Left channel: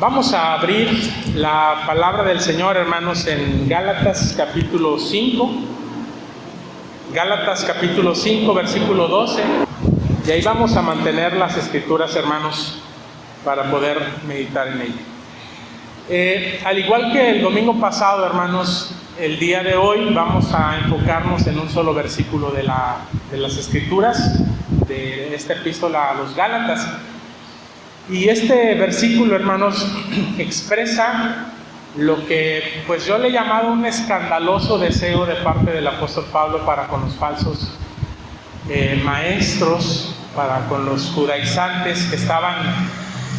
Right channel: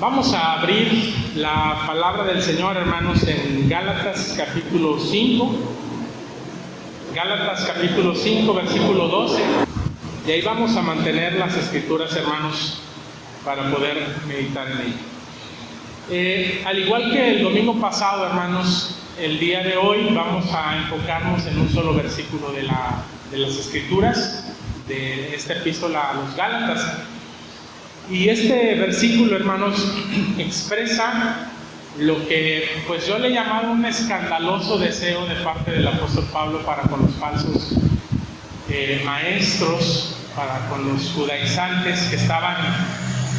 Vamos a abrir la palabra del Señor, hermanos, en Gálatas capítulo 5. Gálatas capítulo 5, versículo 12. Y ahí vamos a mantener las escrituras, hermanos, para poder meditar en ello. Al igual que el domingo pasado, hermanos, el día de hoy vamos a enfocarnos en un solo versículo de las escrituras, de esta epístola a los Gálatas. Y este versículo, hermanos, expresa lo que pues yo le he llamado un escandaloso deseo de parte del apóstol Pablo para con los falsos maestros, para con los judaizantes que estaban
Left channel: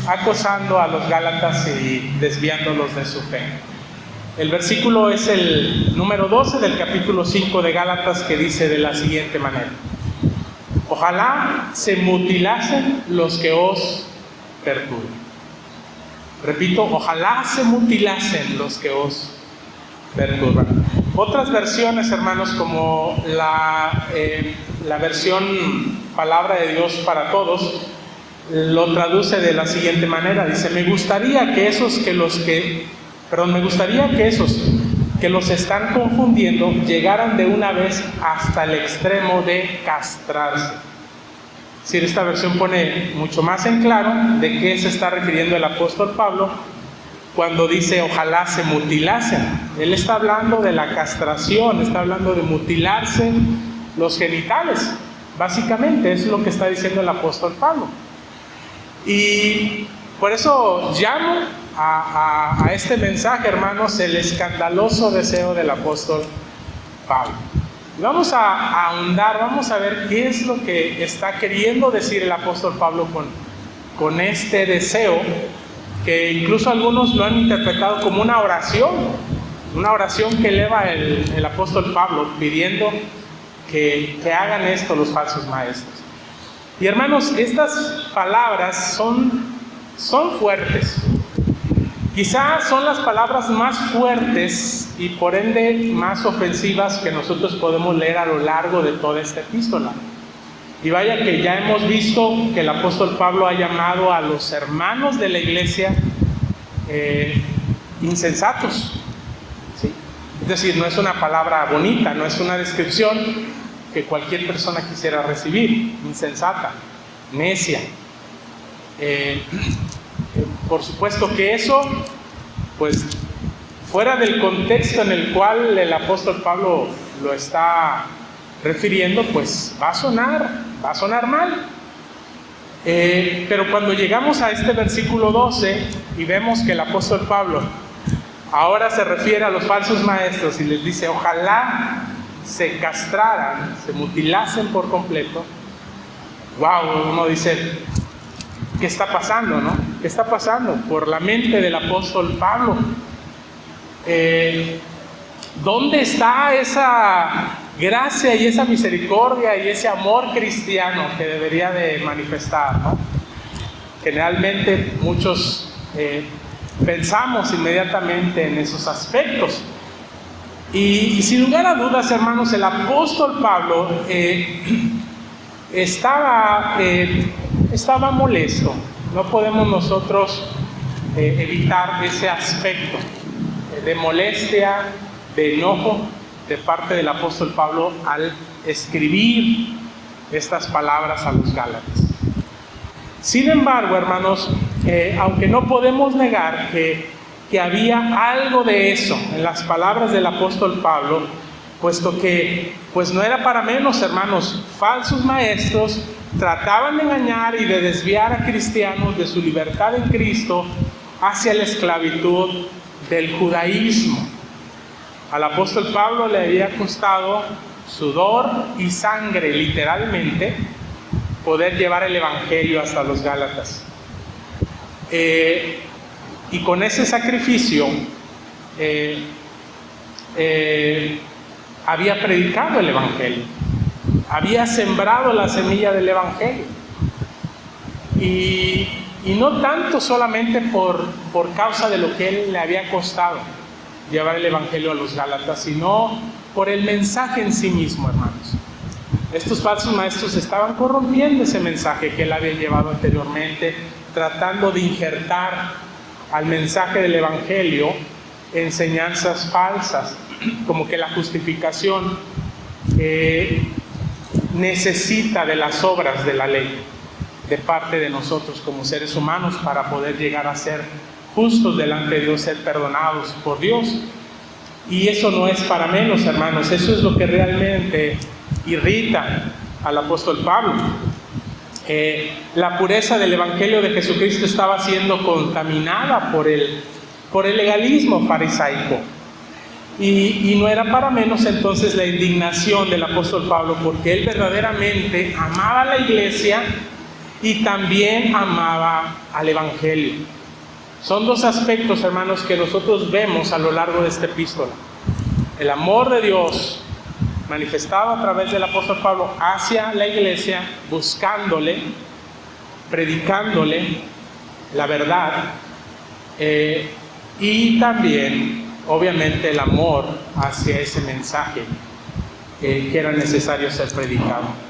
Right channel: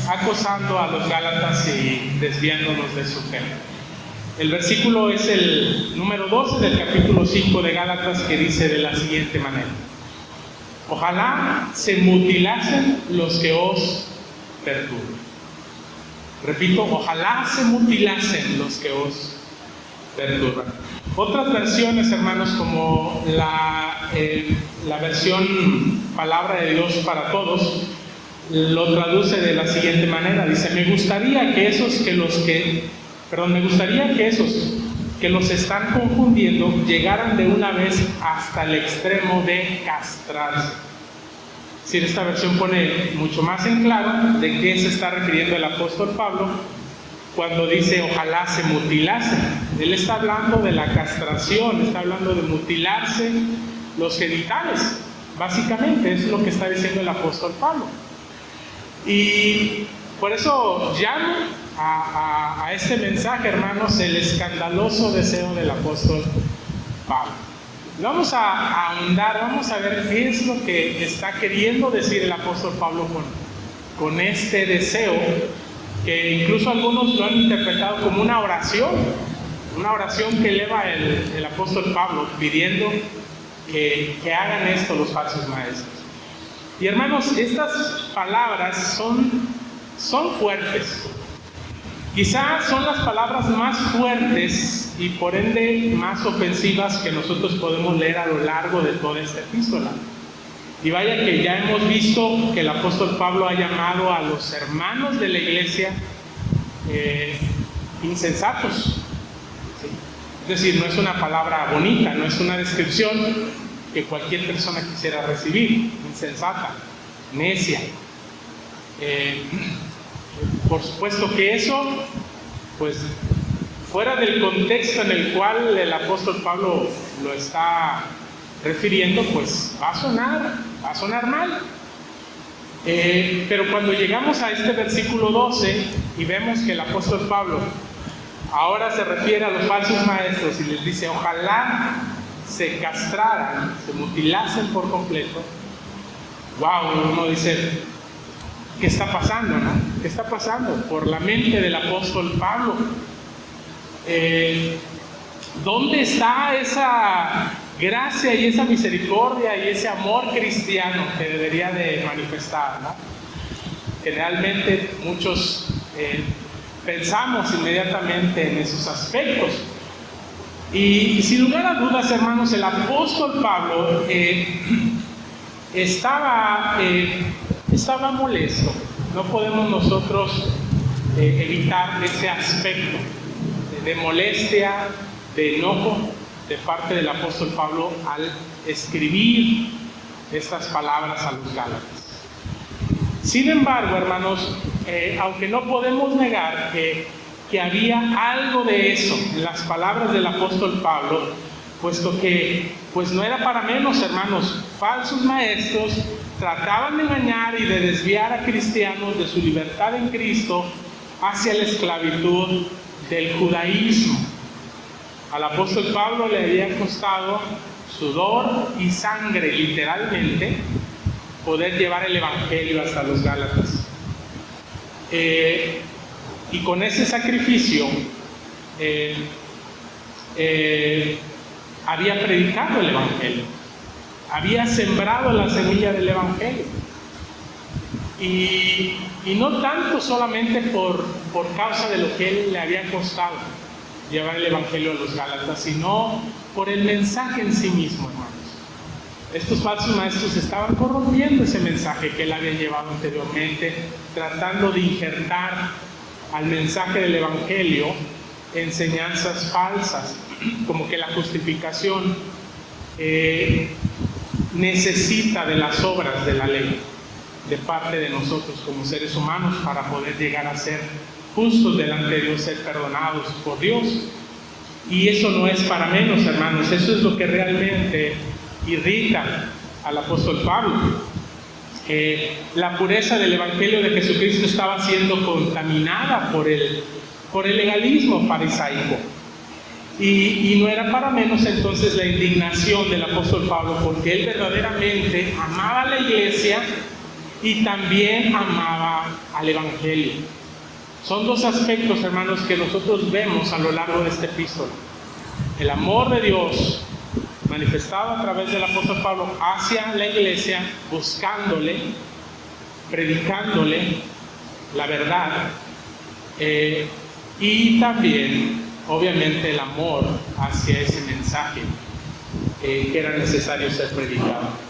acosando a los Gálatas y desviándolos de su fe. El versículo es el número 12 del capítulo 5 de Gálatas, que dice de la siguiente manera: ojalá se mutilasen los que os perturban. Repito, ojalá se mutilasen los que os perturban. Otras versiones, hermanos, como la versión Palabra de Dios para Todos, lo traduce de la siguiente manera. Dice: me gustaría que esos que los están confundiendo llegaran de una vez hasta el extremo de castrarse. Si esta versión pone mucho más en claro de qué se está refiriendo el apóstol Pablo cuando dice ojalá se mutilasen. Él está hablando de la castración, está hablando de mutilarse los genitales. Básicamente es lo que está diciendo el apóstol Pablo. Y por eso llamo a este mensaje, hermanos, el escandaloso deseo del apóstol Pablo. Vamos a ahondar, vamos a ver qué es lo que está queriendo decir el apóstol Pablo con este deseo, que incluso algunos lo han interpretado como una oración que eleva el apóstol Pablo pidiendo que hagan esto los falsos maestros. Y hermanos, estas palabras son fuertes. Quizás son las palabras más fuertes y por ende más ofensivas que nosotros podemos leer a lo largo de toda esta epístola. Y vaya que ya hemos visto que el apóstol Pablo ha llamado a los hermanos de la iglesia insensatos. ¿Sí? Es decir, no es una palabra bonita, no es una descripción que cualquier persona quisiera recibir. Insensata, necia. Por supuesto que eso, pues fuera del contexto en el cual el apóstol Pablo lo está refiriendo, pues va a sonar mal. Pero cuando llegamos a este versículo 12 y vemos que el apóstol Pablo ahora se refiere a los falsos maestros y les dice ojalá se castraran, se mutilasen por completo, wow, uno dice: ¿qué está pasando, no? ¿Qué está pasando por la mente del apóstol Pablo? ¿Dónde está esa gracia y esa misericordia y ese amor cristiano que debería de manifestar, ¿no? Generalmente muchos pensamos inmediatamente en esos aspectos. Y sin lugar a dudas, hermanos, el apóstol Pablo estaba molesto. No podemos nosotros evitar ese aspecto de molestia, de enojo de parte del apóstol Pablo al escribir estas palabras a los Gálatas. Sin embargo, hermanos, aunque no podemos negar que había algo de eso en las palabras del apóstol Pablo, puesto que pues no era para menos, hermanos, falsos maestros trataban de engañar y de desviar a cristianos de su libertad en Cristo hacia la esclavitud del judaísmo. Al apóstol Pablo le había costado sudor y sangre, literalmente, poder llevar el evangelio hasta los Gálatas. Y con ese sacrificio había predicado el evangelio, había sembrado la semilla del evangelio. Y no tanto solamente por causa de lo que él le había costado llevar el evangelio a los Gálatas, sino por el mensaje en sí mismo, hermanos. Estos falsos maestros estaban corrompiendo ese mensaje que él había llevado anteriormente, tratando de injertar al mensaje del Evangelio enseñanzas falsas, como que la justificación necesita de las obras de la ley de parte de nosotros como seres humanos para poder llegar a ser justos delante de Dios, ser perdonados por Dios. Y eso no es para menos, hermanos, eso es lo que realmente irrita al apóstol Pablo. La pureza del Evangelio de Jesucristo estaba siendo contaminada por el legalismo farisaico. Y no era para menos entonces la indignación del apóstol Pablo, porque él verdaderamente amaba a la iglesia y también amaba al Evangelio. Son dos aspectos, hermanos, que nosotros vemos a lo largo de esta epístola. El amor de Dios manifestado a través del apóstol Pablo hacia la iglesia, buscándole, predicándole la verdad, y también, obviamente, el amor hacia ese mensaje que era necesario ser predicado.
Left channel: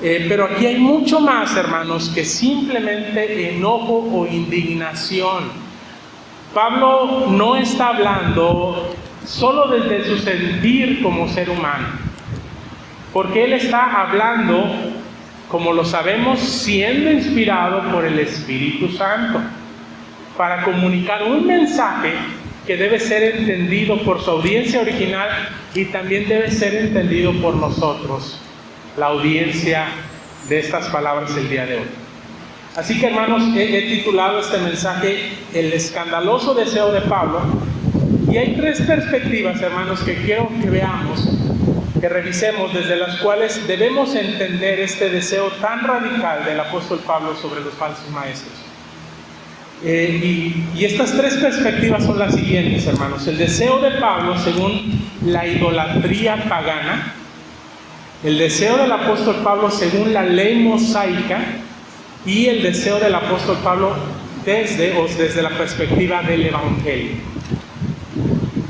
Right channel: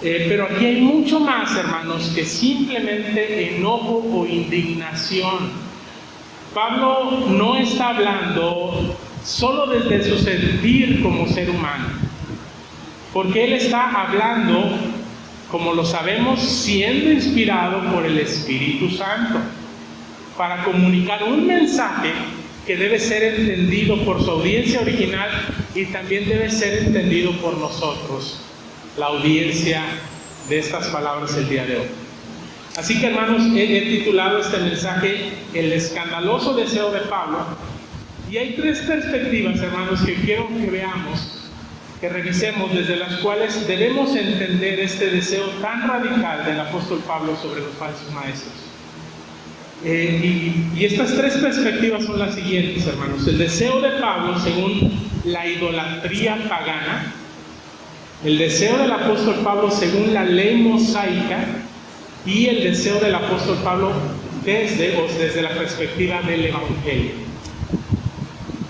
Pero aquí hay mucho más, hermanos, que simplemente enojo o indignación. Pablo no está hablando solo desde su sentir como ser humano, porque él está hablando, como lo sabemos, siendo inspirado por el Espíritu Santo, para comunicar un mensaje que debe ser entendido por su audiencia original y también debe ser entendido por nosotros, la audiencia de estas palabras el día de hoy. Así que, hermanos, he titulado este mensaje El escandaloso deseo de Pablo, y hay tres perspectivas, hermanos, que quiero que veamos, que revisemos, desde las cuales debemos entender este deseo tan radical del apóstol Pablo sobre los falsos maestros. Y estas tres perspectivas son las siguientes, hermanos: el deseo de Pablo según la idolatría pagana, el deseo del apóstol Pablo según la ley mosaica, y el deseo del apóstol Pablo desde la perspectiva del Evangelio.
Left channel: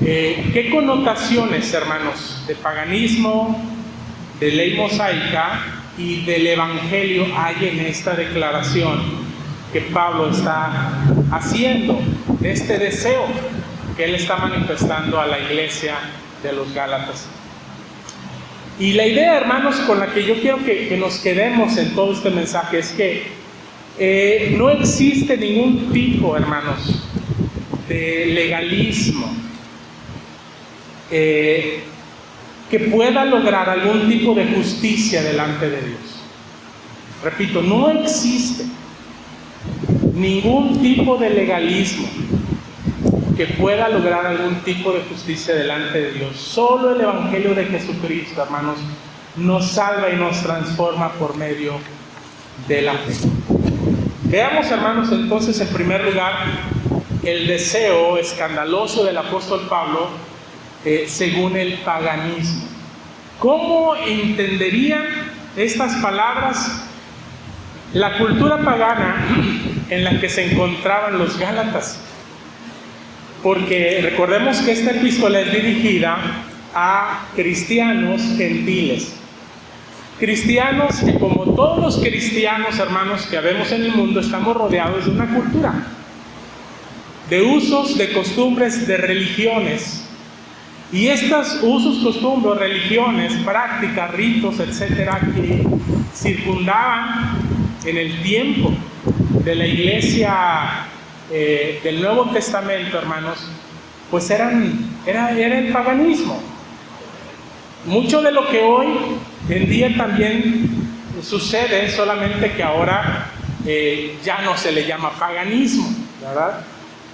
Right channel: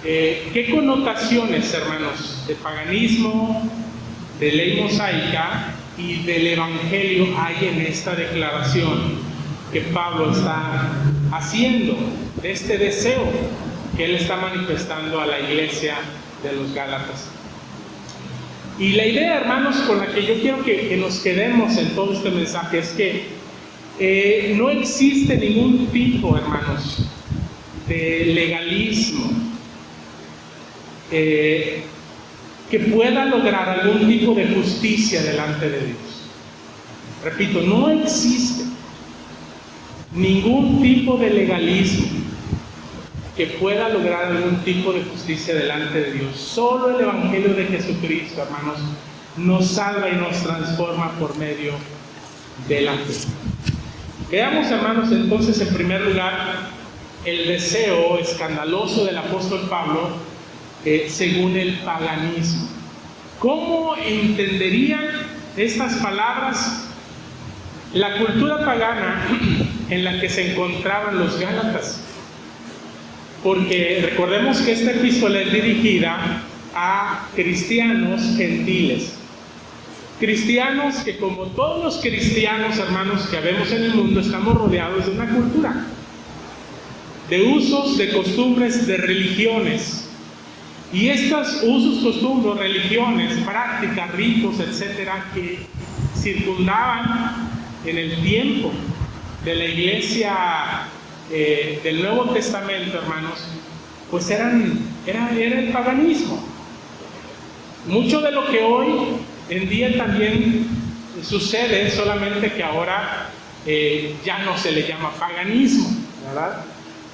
¿Qué connotaciones, hermanos, de paganismo, de ley mosaica y del Evangelio hay en esta declaración que Pablo está haciendo, de este deseo que él está manifestando a la iglesia de los Gálatas? Y la idea, hermanos, con la que yo quiero que nos quedemos en todo este mensaje es que no existe ningún tipo, hermanos, de legalismo que pueda lograr algún tipo de justicia delante de Dios. Repito, no existe ningún tipo de legalismo que pueda lograr algún tipo de justicia delante de Dios. Solo el Evangelio de Jesucristo, hermanos, nos salva y nos transforma por medio de la fe. Veamos, hermanos, entonces, en primer lugar, el deseo escandaloso del apóstol Pablo según el paganismo. ¿Cómo entenderían estas palabras la cultura pagana en la que se encontraban los Gálatas? Porque recordemos que esta epístola es dirigida a cristianos gentiles. Cristianos que, como todos los cristianos, hermanos, que habemos en el mundo, estamos rodeados de una cultura, de usos, de costumbres, de religiones. Y estos usos, costumbres, religiones, prácticas, ritos, etcétera, que circundaban en el tiempo de la iglesia del Nuevo Testamento, hermanos, pues era el paganismo. Mucho de lo que hoy en día también sucede, solamente que ahora ya no se le llama paganismo, ¿verdad?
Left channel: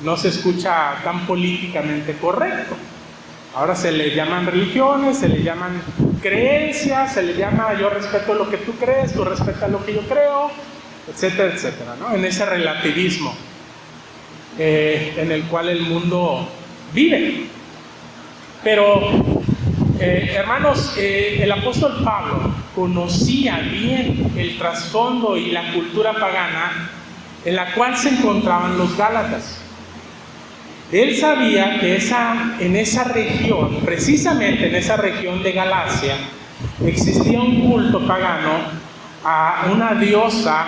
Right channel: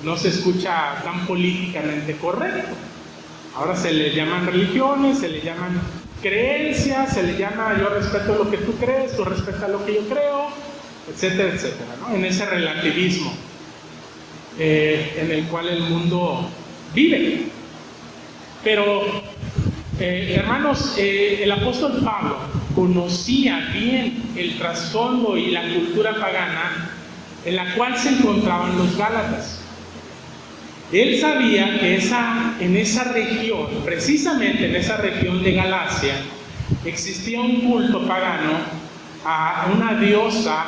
No se escucha tan políticamente correcto. Ahora se le llaman religiones, se le llaman creencias, se le llama yo respeto lo que tú crees, tú respetas lo que yo creo, etcétera, etcétera, ¿no? En ese relativismo en el cual el mundo vive. Pero, hermanos, el apóstol Pablo conocía bien el trasfondo y la cultura pagana en la cual se encontraban los Gálatas. Él sabía que en esa región, precisamente en esa región de Galacia, existía un culto pagano a una diosa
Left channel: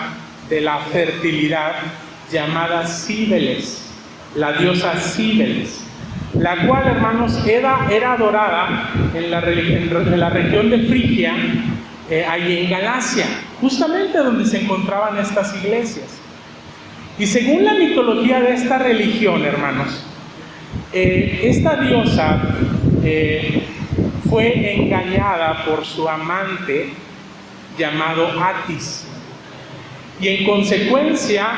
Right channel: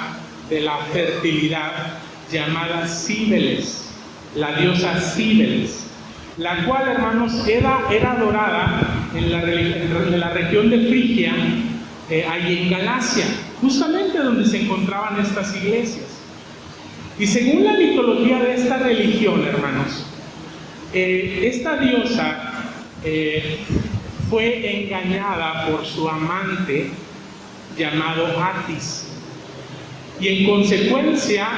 de la fertilidad llamada Cíbeles. la diosa Cíbeles, la cual, hermanos, era adorada en la región de Frigia, ahí en Galacia, justamente donde se encontraban estas iglesias. Y según la mitología de esta religión, hermanos, esta diosa fue engañada por su amante llamado Atis, y en consecuencia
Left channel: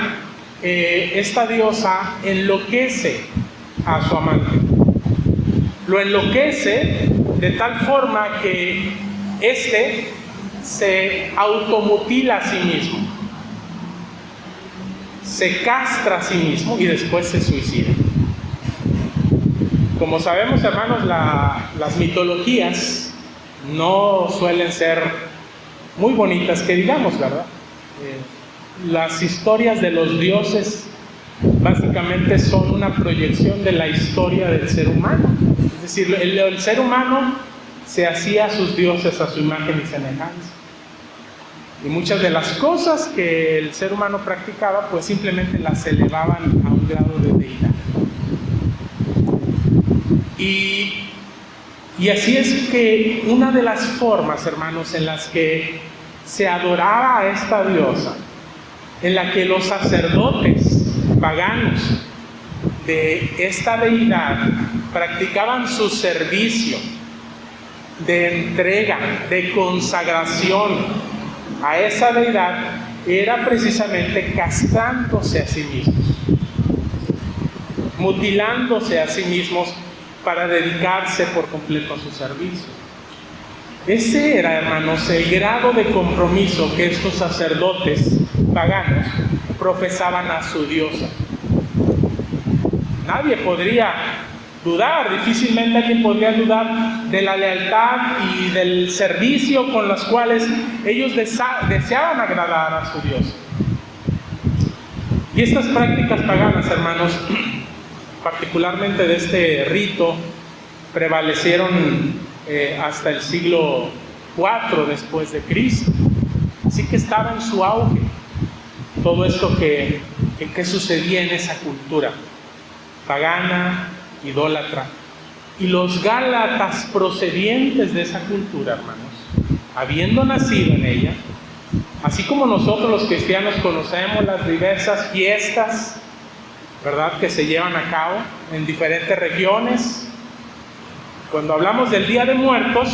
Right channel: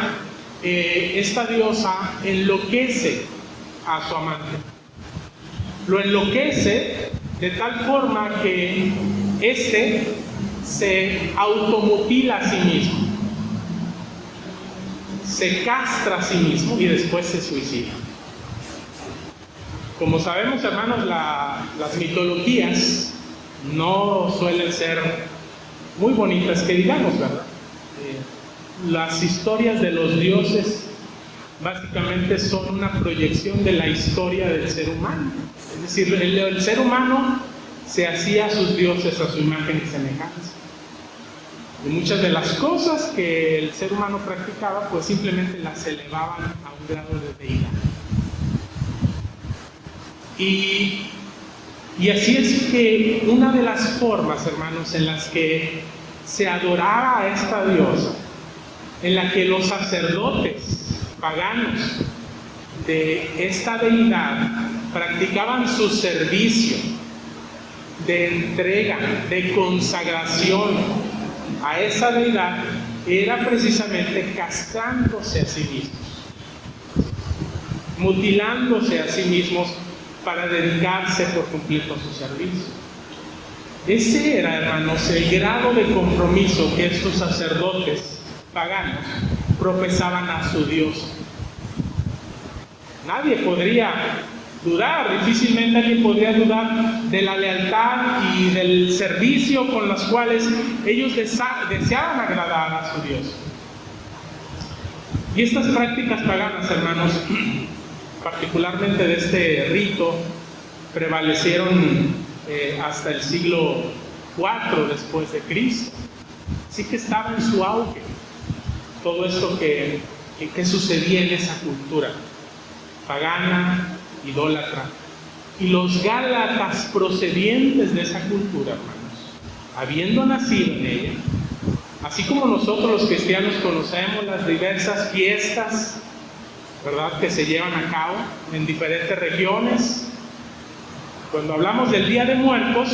esta diosa enloquece a su amante. Lo enloquece de tal forma que éste se automutila a sí mismo, se castra a sí mismo y después se suicida. Como sabemos, hermanos, las mitologías no suelen ser muy bonitas, que digamos, ¿verdad? Las historias de los dioses básicamente son una proyección de la historia del ser humano. Es decir, el ser humano se hacía a sus dioses a su imagen y semejanza. Y muchas de las cosas que el ser humano practicaba, pues simplemente las elevaban a un grado de deidad. Y así es que una de las formas, hermanos, en las que se adoraba a esta diosa, en la que los sacerdotes paganos de esta deidad practicaban su servicio de entrega, de consagración a esa deidad, era precisamente castrándose a sí mismos, mutilándose a sí mismos para dedicarse por completo a su servicio. Ese era, hermanos, el grado de compromiso que estos sacerdotes paganos profesaban a su diosa. Nadie podría dudar, difícilmente alguien podría dudar de la lealtad y del servicio con los cuales ellos deseaban agradar a su Dios. Y estas prácticas paganas, hermanos, particularmente de este rito, prevalecieron hasta el siglo IV después de Cristo. Así que estaba en su auge todo esto que sucedía en esa cultura pagana, idólatra. Y los gálatas procedientes de esa cultura, hermanos, habiendo nacido en ella, así como nosotros los cristianos conocemos las diversas fiestas, ¿verdad?, que se llevan a cabo en diferentes regiones. Cuando hablamos del Día de Muertos,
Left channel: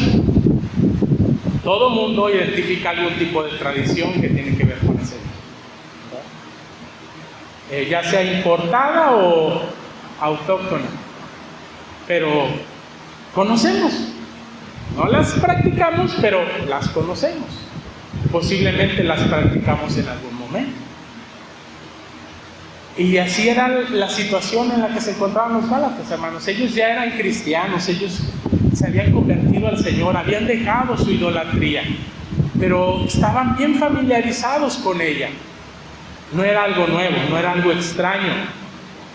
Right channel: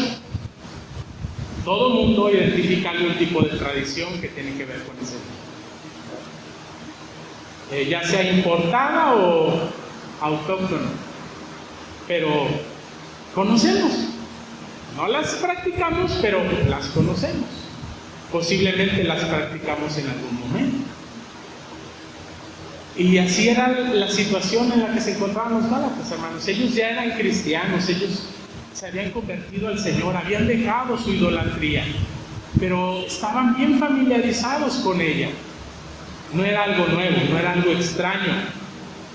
todo mundo identifica algún tipo de tradición que tiene que ver con ese día, ya sea importada o autóctona, pero conocemos, no las practicamos, pero las conocemos, posiblemente las practicamos en algún momento. Y así era la situación en la que se encontraban los gálatas, hermanos. Ellos ya eran cristianos, ellos se habían convertido al Señor, habían dejado su idolatría, pero estaban bien familiarizados con ella. No era algo nuevo, no era algo extraño,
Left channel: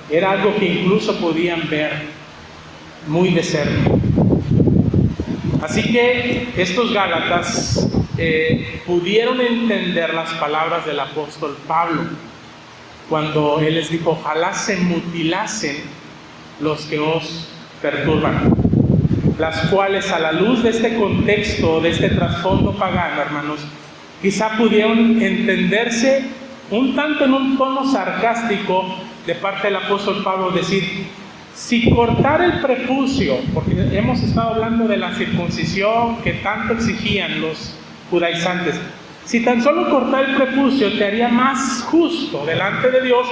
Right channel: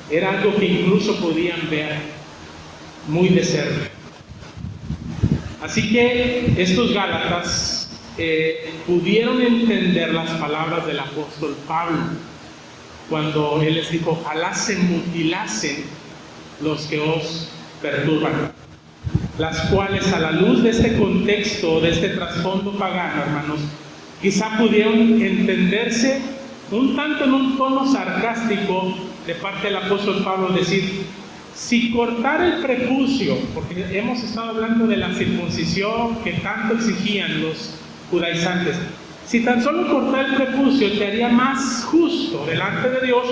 era algo que incluso podían ver muy de cerca. Así que estos gálatas pudieron entender las palabras del apóstol Pablo, cuando él les dijo: ojalá se mutilasen los que os perturban, las cuales, a la luz de este contexto, de este trasfondo pagano, hermanos, quizá pudieron entenderse un tanto en un tono sarcástico de parte del apóstol Pablo, decir: si cortar el prepucio, porque hemos estado hablando de la circuncisión que tanto exigían los judaizantes, si tan solo cortar el prepucio te haría más justo delante de Dios,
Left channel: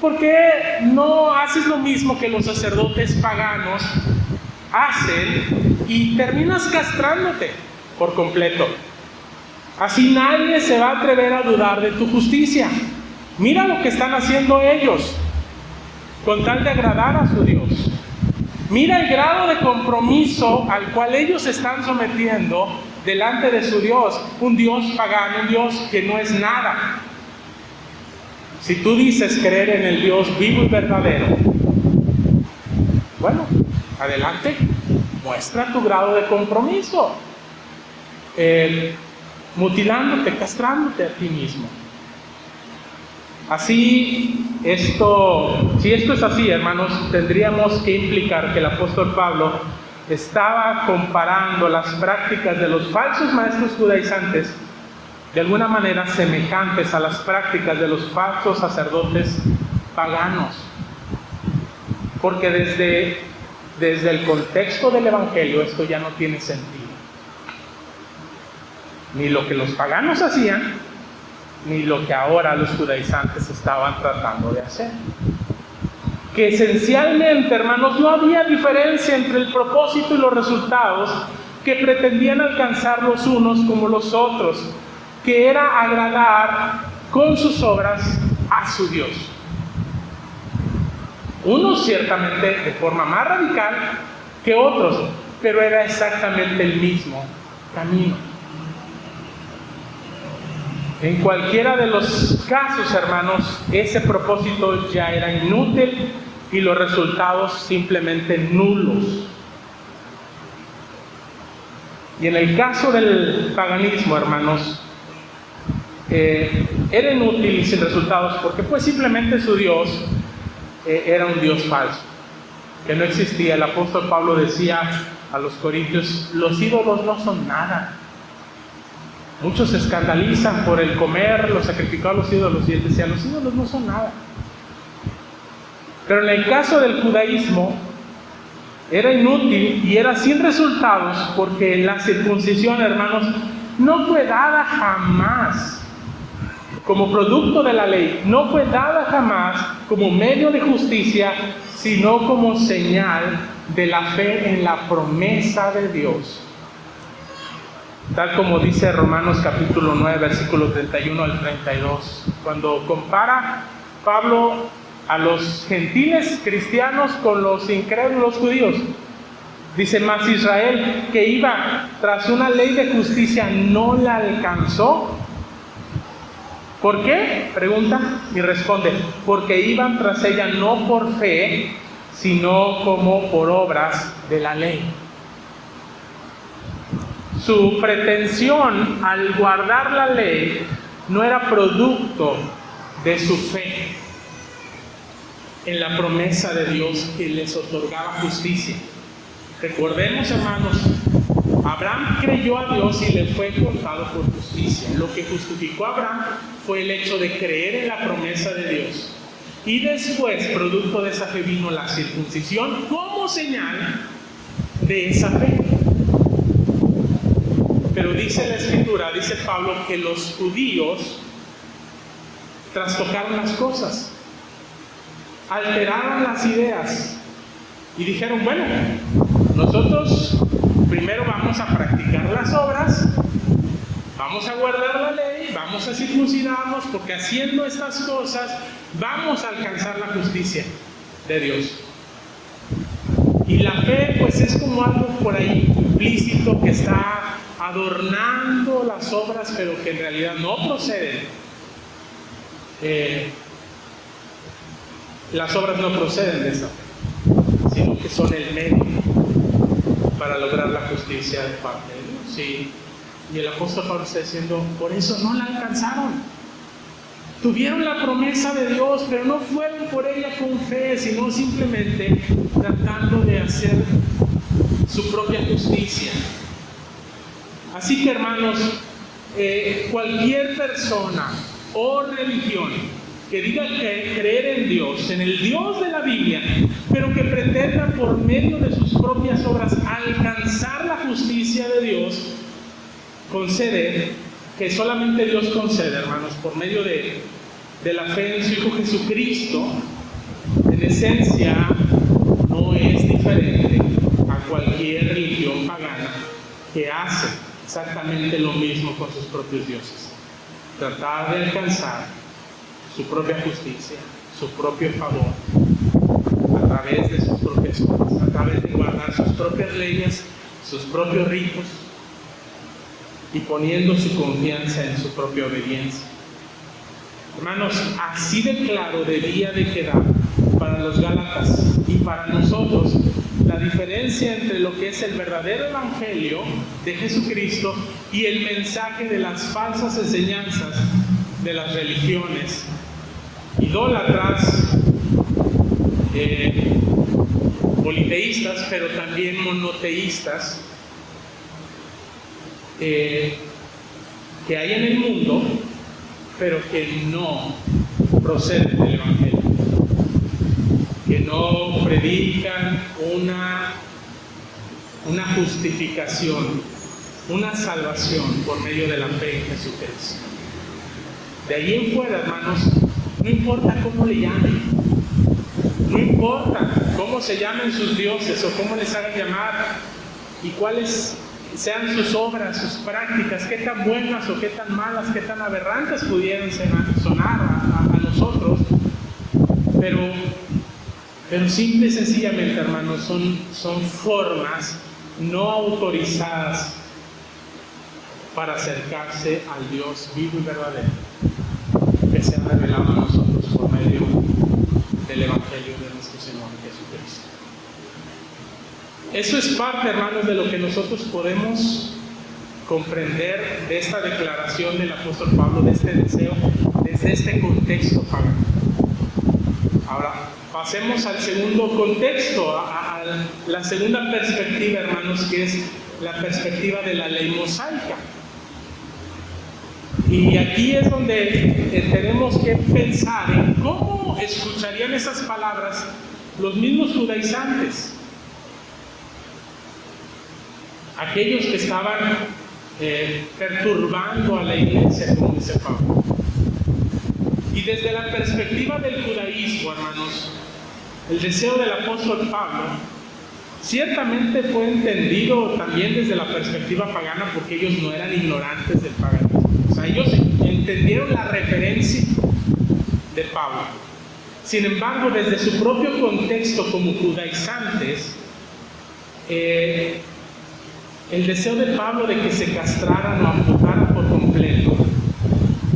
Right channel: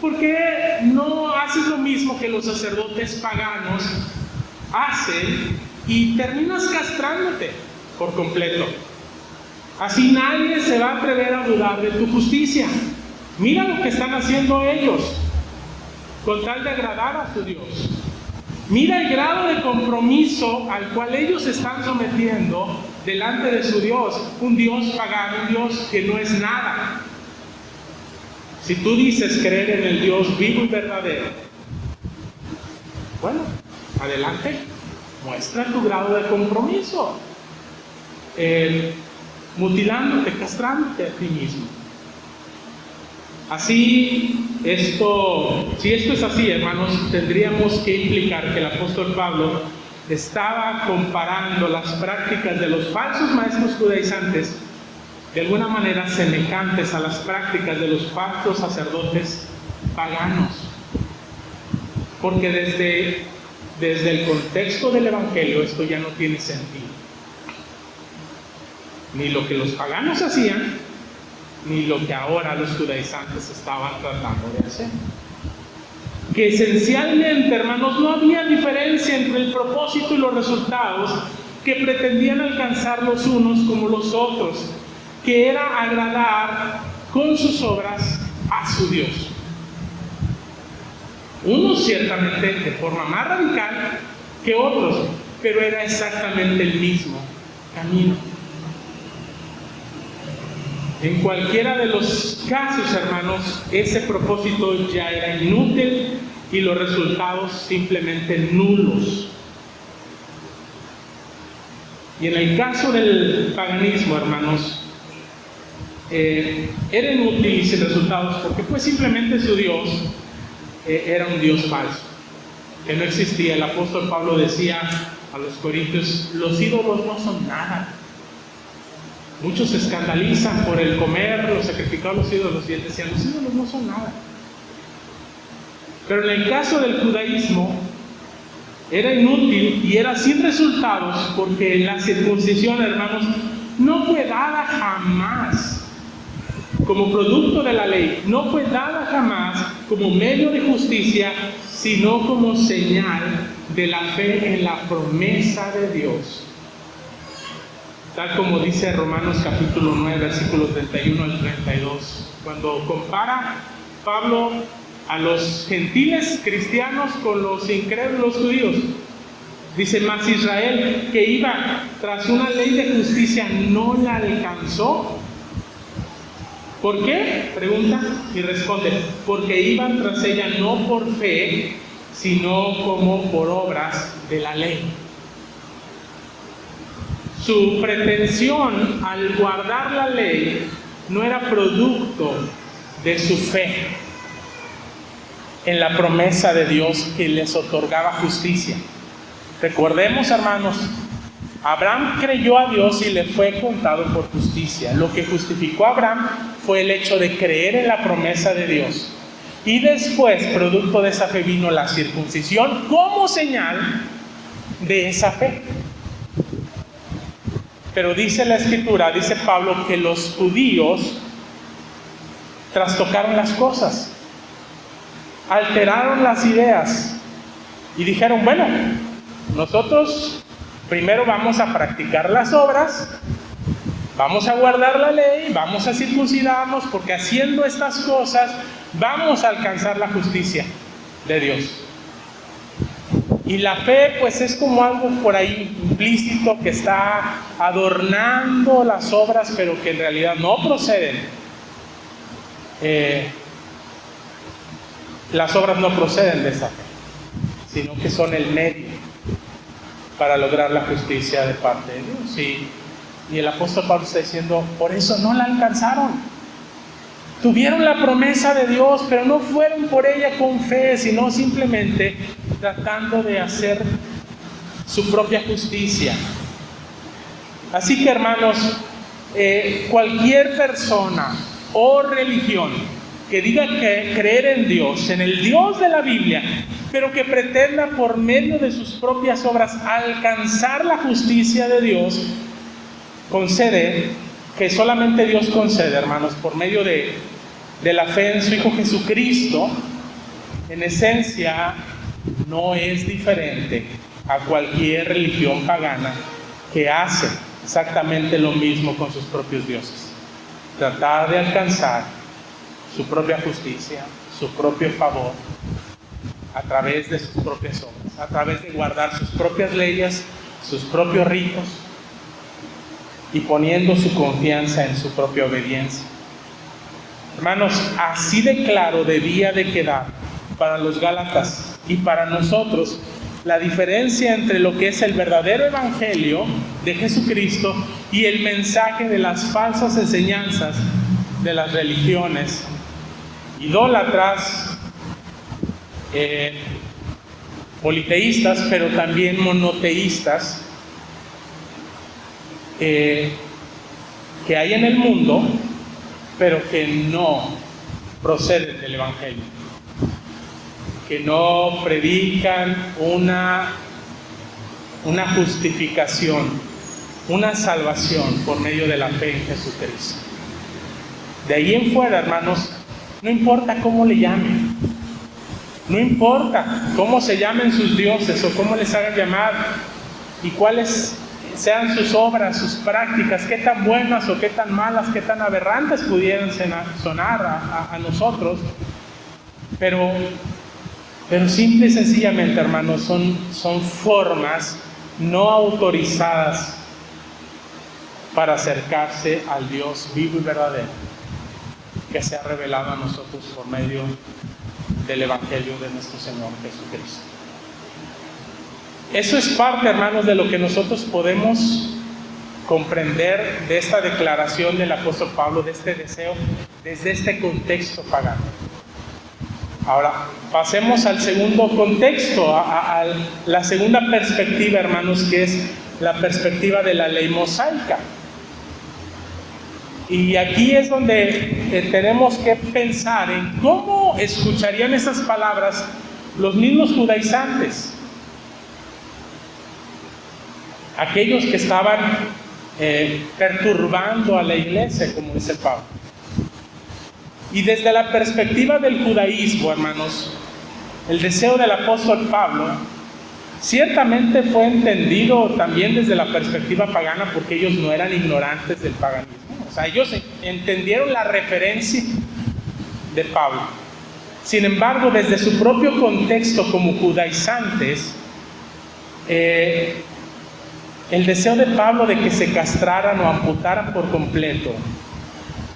¿por qué no haces lo mismo que los sacerdotes paganos hacen y terminas castrándote por completo? Así nadie se va a atrever a dudar de tu justicia. Mira lo que están haciendo ellos con tal de agradar a su Dios. Mira el grado de compromiso al cual ellos están sometiendo delante de su Dios, un Dios pagano, un Dios que no es nada. Si tú dices creer en el Dios vivo y verdadero, bueno, adelante, muestra tu grado de compromiso, mutilándote, castrándote a ti mismo. Así si esto es así, hermanos, tendríamos que implicar que el apóstol Pablo estaba comparando las prácticas de los falsos maestros judaizantes de alguna manera semejantes a las prácticas de los falsos sacerdotes paganos. Porque desde el contexto del Evangelio esto ya no tiene sentido. Ni lo que los paganos hacían, ni lo que ahora los judaizantes estaban tratando de hacer. Que esencialmente, hermanos, no había diferencia entre el propósito y los resultados que pretendían alcanzar los unos como los otros, que era agradar con sus obras a su Dios. Unos ciertamente de forma más radical que otros, pero era exactamente el mismo camino. En cualquiera de los casos, hermanos, ese propósito ya era inútil y los resultados simplemente nulos. Y en el caso del paganismo, hermanos, era inútil y sin resultados porque pues simplemente su Dios era un Dios falso, que no existía. El apóstol Pablo decía a los corintios: los ídolos no son nada. Muchos se escandalizan por el comer los sacrificados a los ídolos, y él decía: los ídolos no son nada. Pero en el caso del judaísmo era inútil y era sin resultados, porque la circuncisión, hermanos, no fue dada jamás como producto de la ley, no fue dada jamás como medio de justicia, sino como señal de la fe en la promesa de Dios. Tal como dice Romanos capítulo 9, versículos 31 al 32, cuando compara Pablo a los gentiles cristianos con los incrédulos judíos. Dice: mas Israel, que iba tras una ley de justicia, no la alcanzó. ¿Por qué? Pregunta y responde: porque iban tras ella no por fe, sino como por obras de la ley. Su pretensión al guardar la ley no era producto de su fe en la promesa de Dios que les otorgaba justicia. Recordemos, hermanos, Abraham creyó a Dios y le fue contado por justicia. Lo que justificó a Abraham fue el hecho de creer en la promesa de Dios. Y después, producto de esa fe, vino la circuncisión como señal de esa fe. Pero dice la Escritura, dice Pablo, que los judíos trastocaron las cosas, alteraron las ideas y dijeron: bueno, nosotros primero vamos a practicar las obras, vamos a guardar la ley, vamos a circuncidarnos, porque haciendo estas cosas vamos a alcanzar la justicia de Dios. Y la fe pues es como algo por ahí implícito que está adornando las obras, pero que en realidad no proceden. Las obras no proceden de esa fe, sino que son el medio para lograr la justicia de parte de Dios. Y el apóstol Pablo está diciendo: por eso no la alcanzaron. Tuvieron la promesa de Dios, pero no fueron por ella con fe, sino simplemente tratando de hacer su propia justicia. Así que, hermanos, cualquier persona o religión que diga que creer en Dios, en el Dios de la Biblia, pero que pretenda por medio de sus propias obras alcanzar la justicia de Dios, concede, que solamente Dios concede, hermanos, por medio de la fe en su Hijo Jesucristo, en esencia no es diferente a cualquier religión pagana que hace exactamente lo mismo con sus propios dioses: tratar de alcanzar su propia justicia, su propio favor, a través de sus propias obras, a través de guardar sus propias leyes, sus propios ritos, y poniendo su confianza en su propia obediencia. Hermanos, así de claro debía de quedar para los gálatas y para nosotros la diferencia entre lo que es el verdadero evangelio de Jesucristo y el mensaje de las falsas enseñanzas de las religiones idólatras, politeístas, pero también monoteístas, que hay en el mundo, pero que no proceden del Evangelio, que no predican una justificación, una salvación por medio de la fe en Jesucristo. De ahí en fuera, hermanos, no importa cómo le llamen, no importa cómo se llamen sus dioses o cómo les hagan llamar y cuáles sean sus obras, sus prácticas, qué tan buenas o qué tan malas, qué tan aberrantes pudieran sonar a nosotros, pero simple y sencillamente, hermanos, son formas no autorizadas para acercarse al Dios vivo y verdadero que se ha revelado a nosotros por medio del Evangelio de nuestro Señor Jesucristo. Eso es parte, hermanos, de lo que nosotros podemos comprender de esta declaración del apóstol Pablo, de este deseo, desde este contexto pagano. Ahora, pasemos al segundo contexto, a la segunda perspectiva, hermanos, que es la perspectiva de la ley mosaica. Y aquí es donde tenemos que pensar en cómo escucharían esas palabras los mismos judaizantes, aquellos que estaban perturbando a la iglesia, como dice Pablo. Y desde la perspectiva del judaísmo, hermanos, el deseo del apóstol Pablo ciertamente fue entendido también desde la perspectiva pagana, porque ellos no eran ignorantes del paganismo. O sea, ellos entendieron la referencia de Pablo. Sin embargo, desde su propio contexto como judaizantes, el deseo de Pablo de que se castraran o amputaran por completo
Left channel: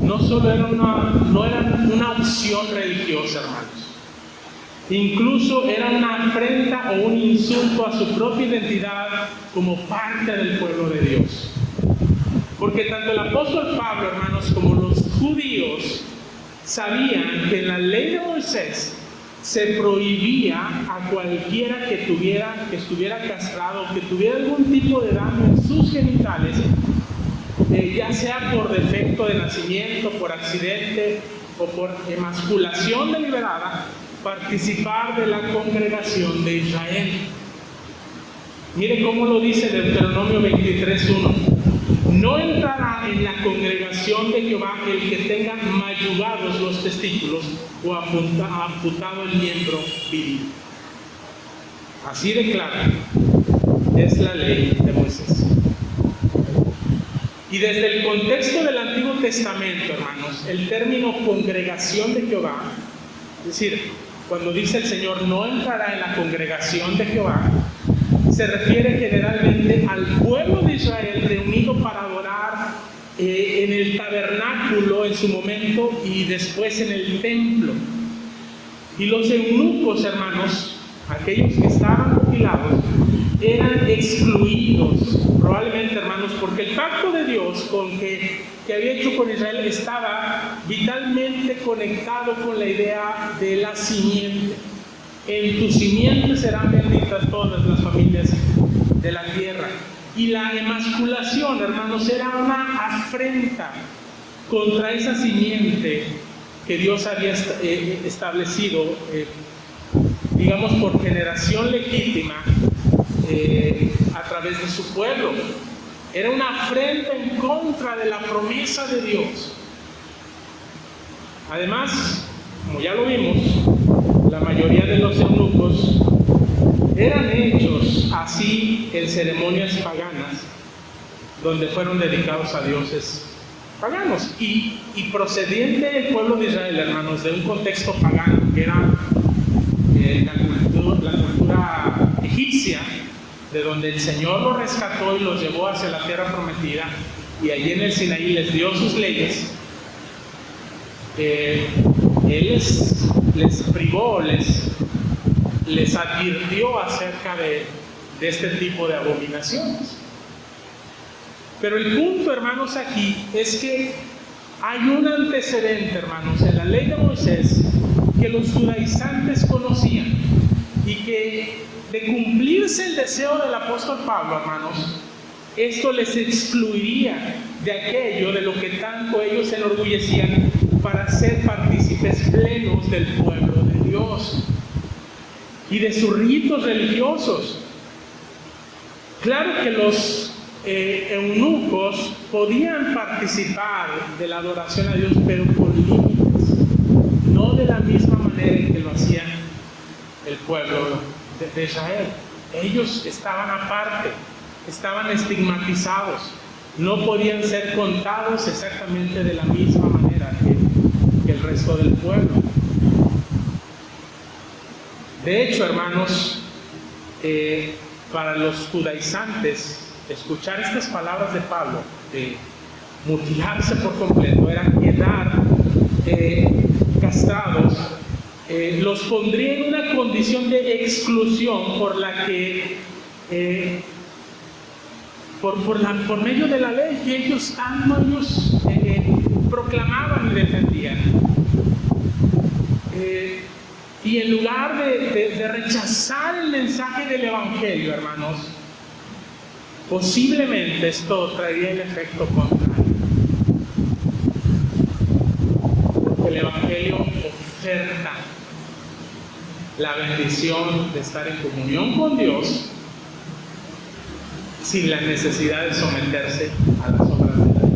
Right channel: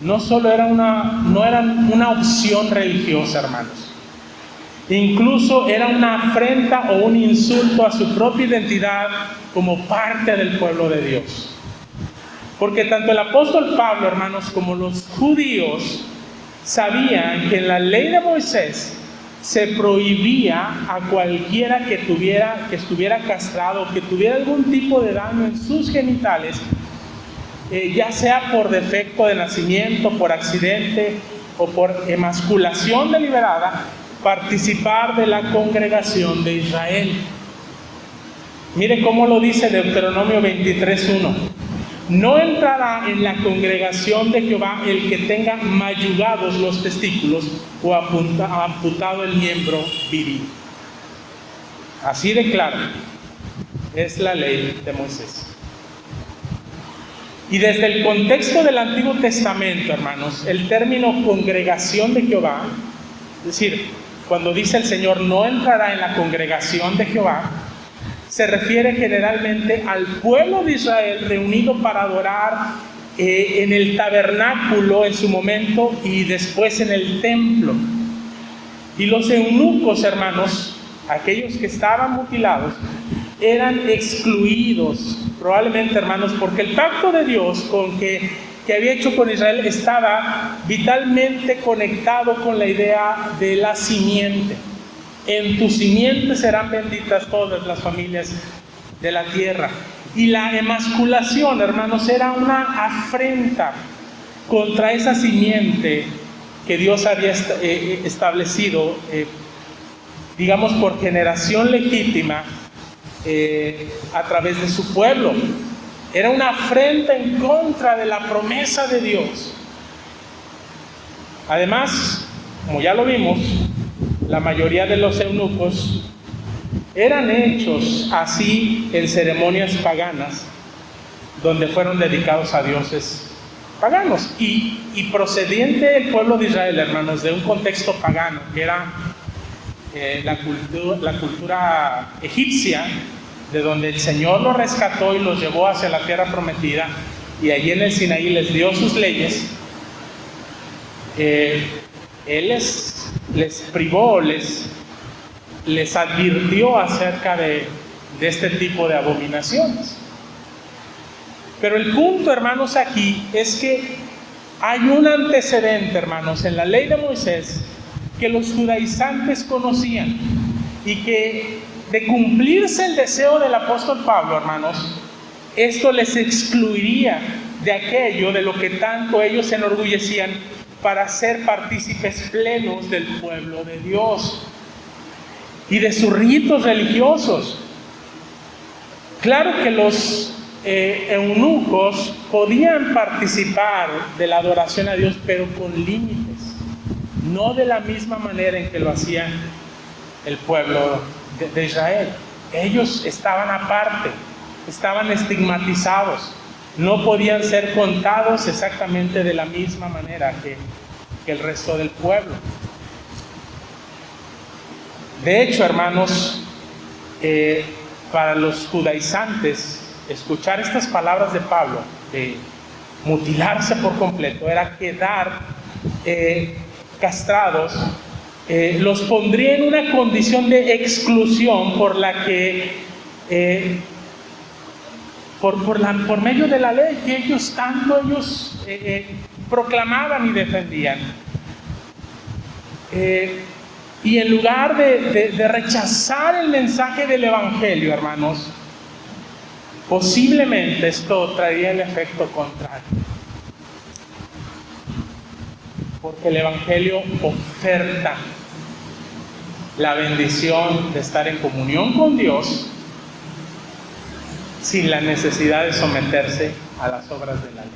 no solo era una opción religiosa, hermanos. Incluso era una afrenta o un insulto a su propia identidad como parte del pueblo de Dios. Porque tanto el apóstol Pablo, hermanos, como los judíos sabían que en la ley de Moisés se prohibía a cualquiera que estuviera castrado, que tuviera algún tipo de daño en sus genitales, ya sea por defecto de nacimiento, por accidente o por emasculación deliberada, participar de la congregación de Israel. Mire cómo lo dice Deuteronomio 23:1. No entrará en la congregación de Jehová el que tenga mayugados los testículos o amputado el miembro viril. Así de claro es la ley de Moisés. Y desde el contexto del Antiguo Testamento, hermanos, el término congregación de Jehová, es decir, cuando dice el Señor no entrará en la congregación de Jehová, se refiere generalmente al pueblo de Israel reunido para adorar en el tabernáculo en su momento y después en el templo. Y los eunucos, hermanos, aquellos que estaban mutilados, eran excluidos, probablemente, hermanos, porque el pacto de Dios que había hecho con Israel estaba vitalmente conectado con la idea de la simiente. En tu simiente serán benditas todas las familias de la tierra. Y la emasculación, hermanos, era una afrenta contra esa simiente que Dios había establecido, digamos, por generación legítima a través de su pueblo. Era una afrenta en contra de la promesa de Dios. Además, como ya lo vimos, la mayoría de los eunucos eran hechos así en ceremonias paganas, donde fueron dedicados a dioses paganos. Y procediente del pueblo de Israel, hermanos, de un contexto pagano, que era la cultura egipcia, de donde el Señor los rescató y los llevó hacia la tierra prometida, y allí en el Sinaí les dio sus leyes. Él les privó, les advirtió acerca de este tipo de abominaciones. Pero el punto, hermanos, aquí es que hay un antecedente, hermanos, en la ley de Moisés que los judaizantes conocían y que de cumplirse el deseo del apóstol Pablo, hermanos, esto les excluiría de aquello de lo que tanto ellos se enorgullecían para ser partícipes plenos del pueblo de Dios y de sus ritos religiosos. Claro que los eunucos podían participar de la adoración a Dios, pero con límites, no de la misma manera en que lo hacía el pueblo de Israel. Ellos estaban aparte, estaban estigmatizados, no podían ser contados exactamente de la misma manera que el resto del pueblo. De hecho, hermanos, para los judaizantes, escuchar estas palabras de Pablo, de mutilarse por completo, era quedar castrados, los pondría en una condición de exclusión por la que, por medio de la ley que ellos proclamaban y defendían. Y en lugar de rechazar el mensaje del Evangelio, hermanos, posiblemente esto traería el efecto contrario. Porque el Evangelio oferta la bendición de estar en comunión con Dios sin la necesidad de someterse a las obras de la ley.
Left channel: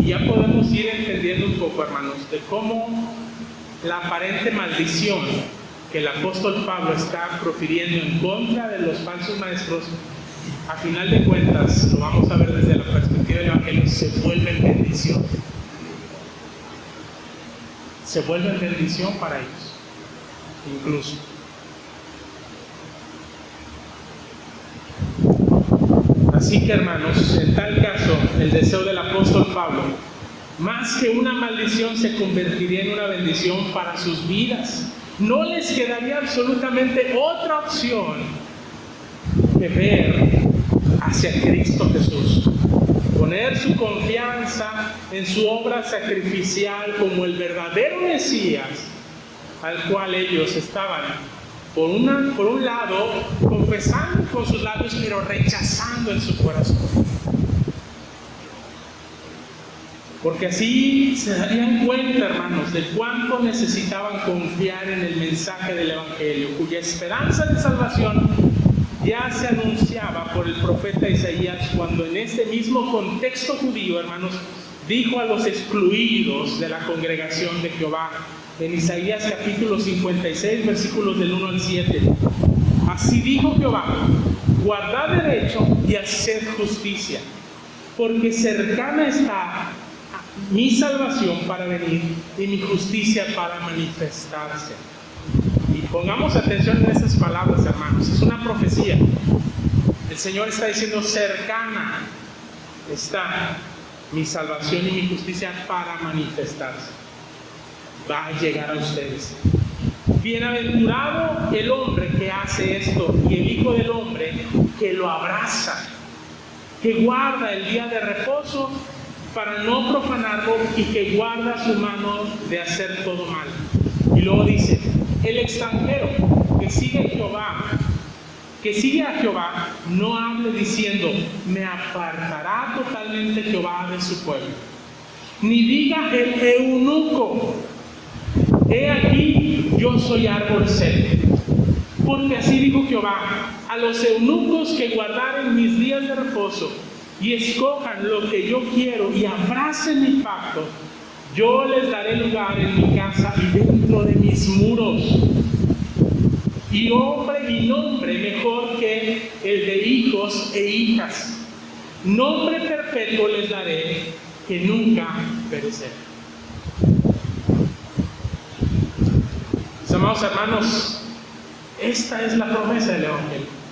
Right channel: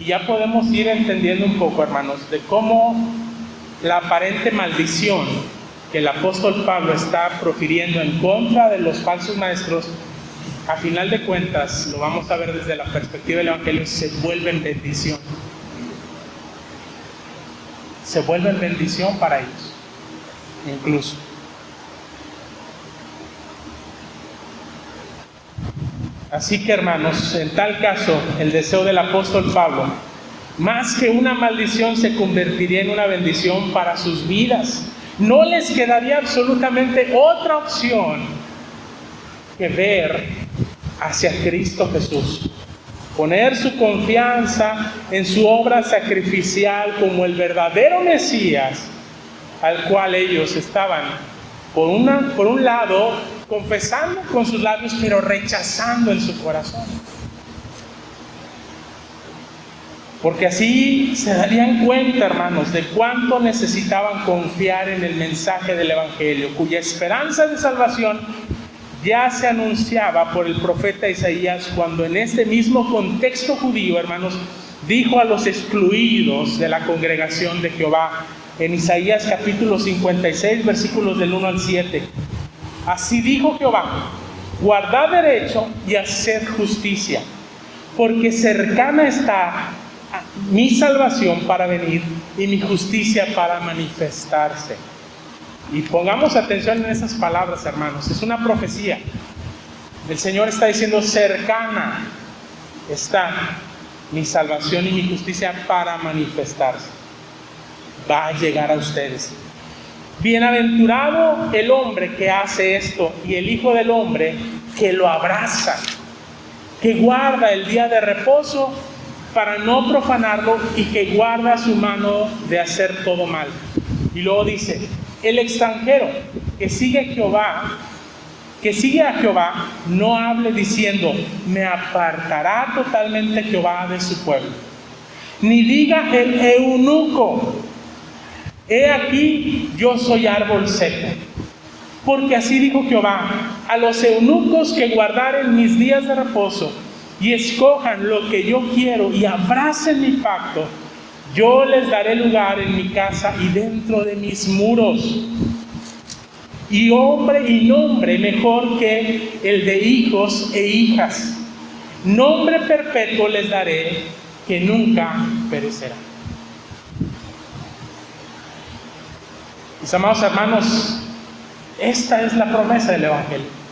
Y ya podemos ir entendiendo un poco, hermanos, de cómo la aparente maldición que el apóstol Pablo está profiriendo en contra de los falsos maestros, a final de cuentas, lo vamos a ver desde la perspectiva del Evangelio, se vuelve en bendición. Se vuelve en bendición para ellos, incluso. Así que, hermanos, en tal caso, el deseo del apóstol Pablo, más que una maldición, se convertiría en una bendición para sus vidas. No les quedaría absolutamente otra opción que ver hacia Cristo Jesús. Poner su confianza en su obra sacrificial como el verdadero Mesías, al cual ellos estaban, por un lado, confesando con sus labios, pero rechazando en su corazón. Porque así se darían cuenta, hermanos, de cuánto necesitaban confiar en el mensaje del Evangelio, cuya esperanza de salvación ya se anunciaba por el profeta Isaías, cuando en este mismo contexto judío, hermanos, dijo a los excluidos de la congregación de Jehová, en Isaías capítulo 56, versículos del 1 al 7. Así dijo Jehová: guardad derecho y haced justicia, porque cercana está mi salvación para venir y mi justicia para manifestarse. Y pongamos atención en esas palabras, hermanos. Es una profecía. El Señor está diciendo: cercana está mi salvación y mi justicia para manifestarse. Va a llegar a ustedes. Bienaventurado el hombre que hace esto, y el Hijo del Hombre que lo abraza, que guarda el día de reposo para no profanarlo, y que guarda su mano de hacer todo mal. Y luego dice: el extranjero que sigue a Jehová, no hable diciendo: me apartará totalmente Jehová de su pueblo. Ni diga el eunuco: he aquí, yo soy árbol seco. Porque así dijo Jehová: a los eunucos que guardaren mis días de reposo y escojan lo que yo quiero y abracen mi pacto, yo les daré lugar en mi casa y dentro de mis muros. Y hombre y nombre mejor que el de hijos e hijas. Nombre perpetuo les daré, que nunca perecerá. Mis amados hermanos, esta es la promesa del Evangelio.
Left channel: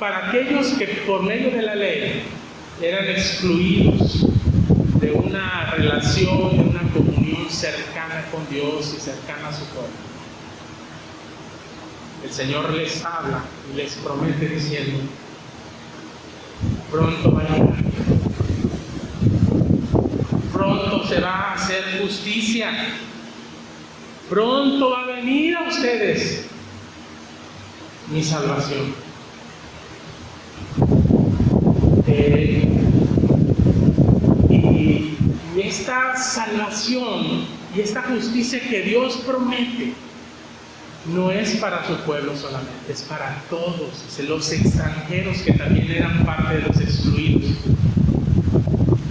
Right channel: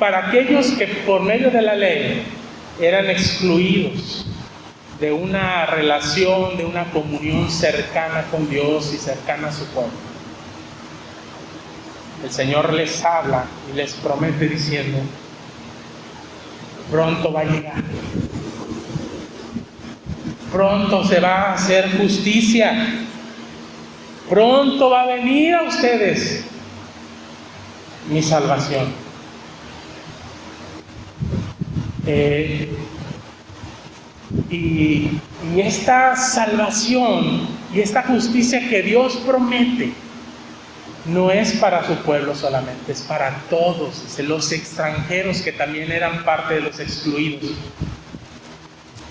Para aquellos que por medio de la ley eran excluidos de una relación, de una comunión cercana con Dios y cercana a su pueblo, el Señor les habla y les promete diciendo: pronto va a llegar. pronto se va a hacer justicia. Pronto va a venir a ustedes mi salvación. Y esta salvación y esta justicia que Dios promete no es para su pueblo solamente, es para todos, los extranjeros que también eran parte de los excluidos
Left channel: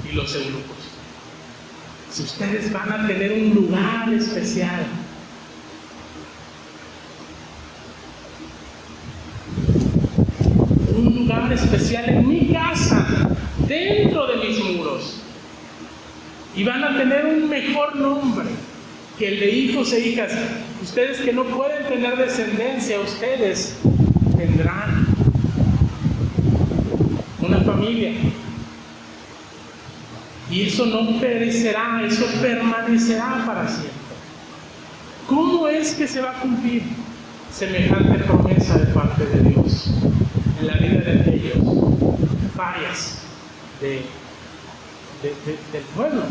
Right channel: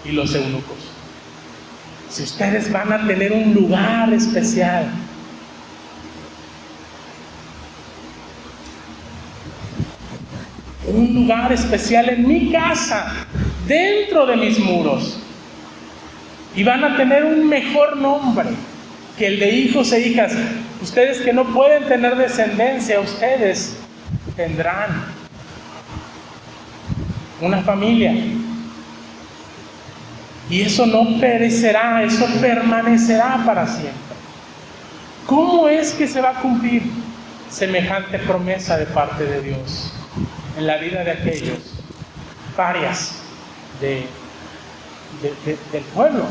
y los eunucos. Si ustedes van a tener un lugar especial, un lugar especial en mi casa, dentro de mis muros, y van a tener un mejor nombre que el de hijos e hijas. Ustedes que no pueden tener descendencia, ustedes tendrán una familia, y eso no perecerá, eso permanecerá para siempre. ¿Cómo es que se va a cumplir semejante promesa de parte de Dios en la vida de aquellos, varias del pueblo?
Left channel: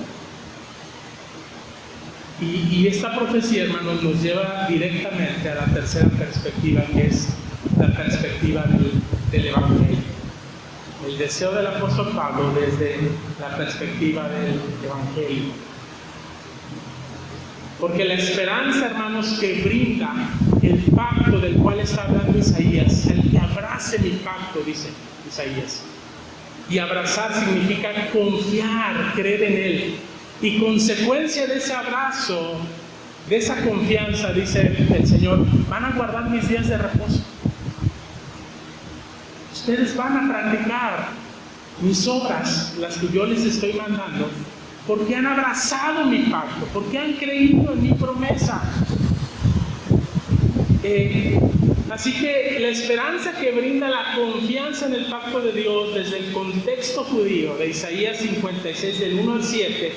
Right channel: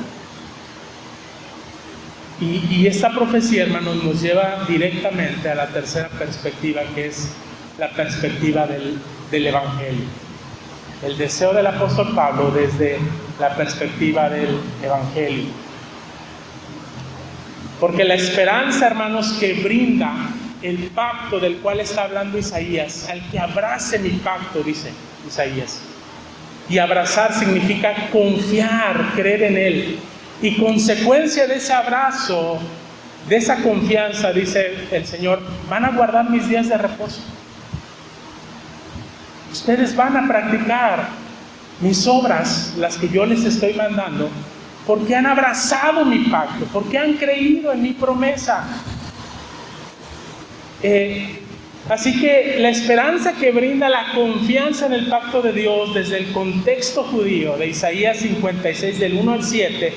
Y esta profecía, hermanos, nos lleva directamente a la tercera perspectiva, que es la perspectiva del Evangelio. El deseo del apóstol Pablo desde la perspectiva del Evangelio. Porque la esperanza, hermanos, que brinda el pacto del cual está hablando Isaías, al que abrace mi pacto, dice Isaías. Y abrazar significa confiar, creer en él. Y consecuencia de ese abrazo, de esa confianza, dice el Señor, van a guardar mis días de reposo. Ustedes van a practicar mis obras, las que yo les estoy mandando, porque han abrazado mi pacto, porque han creído en mi promesa. Así que la esperanza que brinda la confianza en el pacto de Dios desde el contexto judío de Isaías 56 del 1 al 7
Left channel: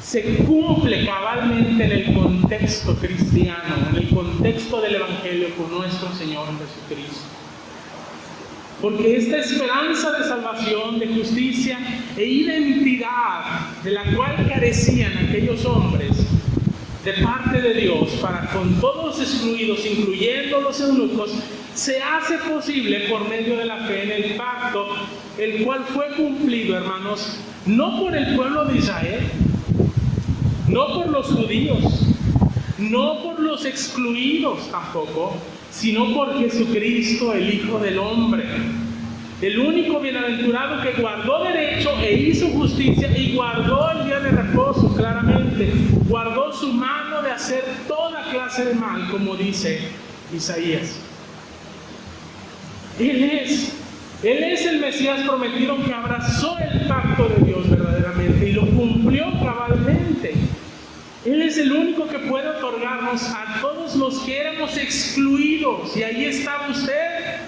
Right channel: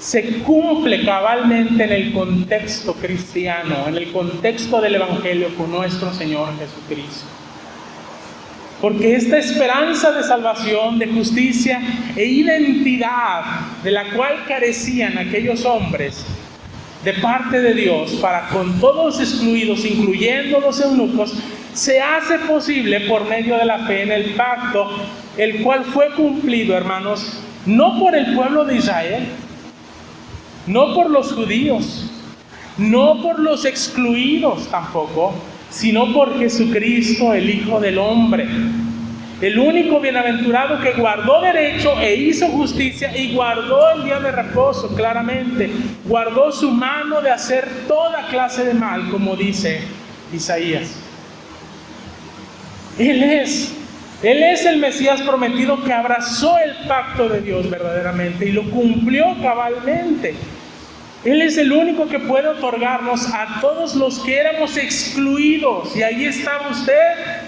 se cumple cabalmente en el contexto cristiano, en el contexto del Evangelio con nuestro Señor Jesucristo. Porque esta esperanza de salvación, de justicia e identidad de la cual carecían aquellos hombres de parte de Dios para con todos los excluidos, incluyendo los eunucos, se hace posible por medio de la fe en el pacto, el cual fue cumplido, hermanos, no por el pueblo de Israel, no por los judíos, no por los excluidos tampoco, sino por Jesucristo, el Hijo del Hombre, el único bienaventurado que guardó derecho e hizo justicia y guardó el día de reposo claramente, guardó su mano de hacer toda clase de mal, como dice Isaías. Él es el Mesías prometido que abrazó el pacto de Dios verdaderamente y lo cumplió cabalmente. Él es el único que puede otorgarnos a todos los que éramos excluidos, y ahí está usted.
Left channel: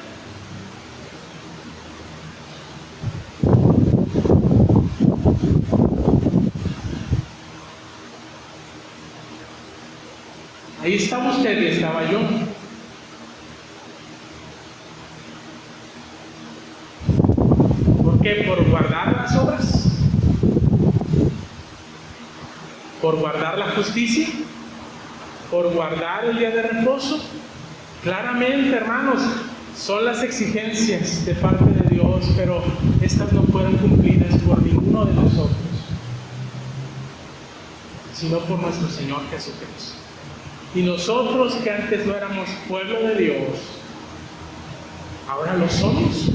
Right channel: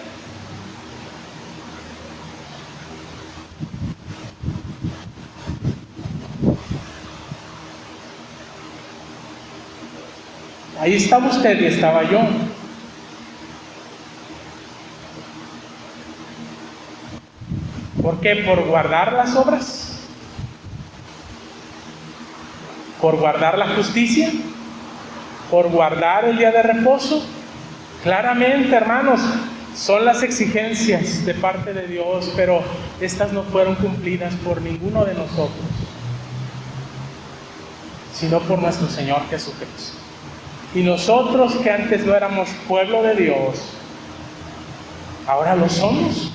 Ahí estaba usted y estaba yo. ¿Por qué? ¿Por guardar las obras? ¿Por guardar la justicia? ¿Por guardar el día de reposo? Claramente, hermanos, son las exigencias de parte de Dios, pero estas no fueron cumplidas por ninguno de nosotros, sino por nuestro Señor Jesucristo. Y nosotros que antes no éramos pueblo de Dios, ahora lo somos.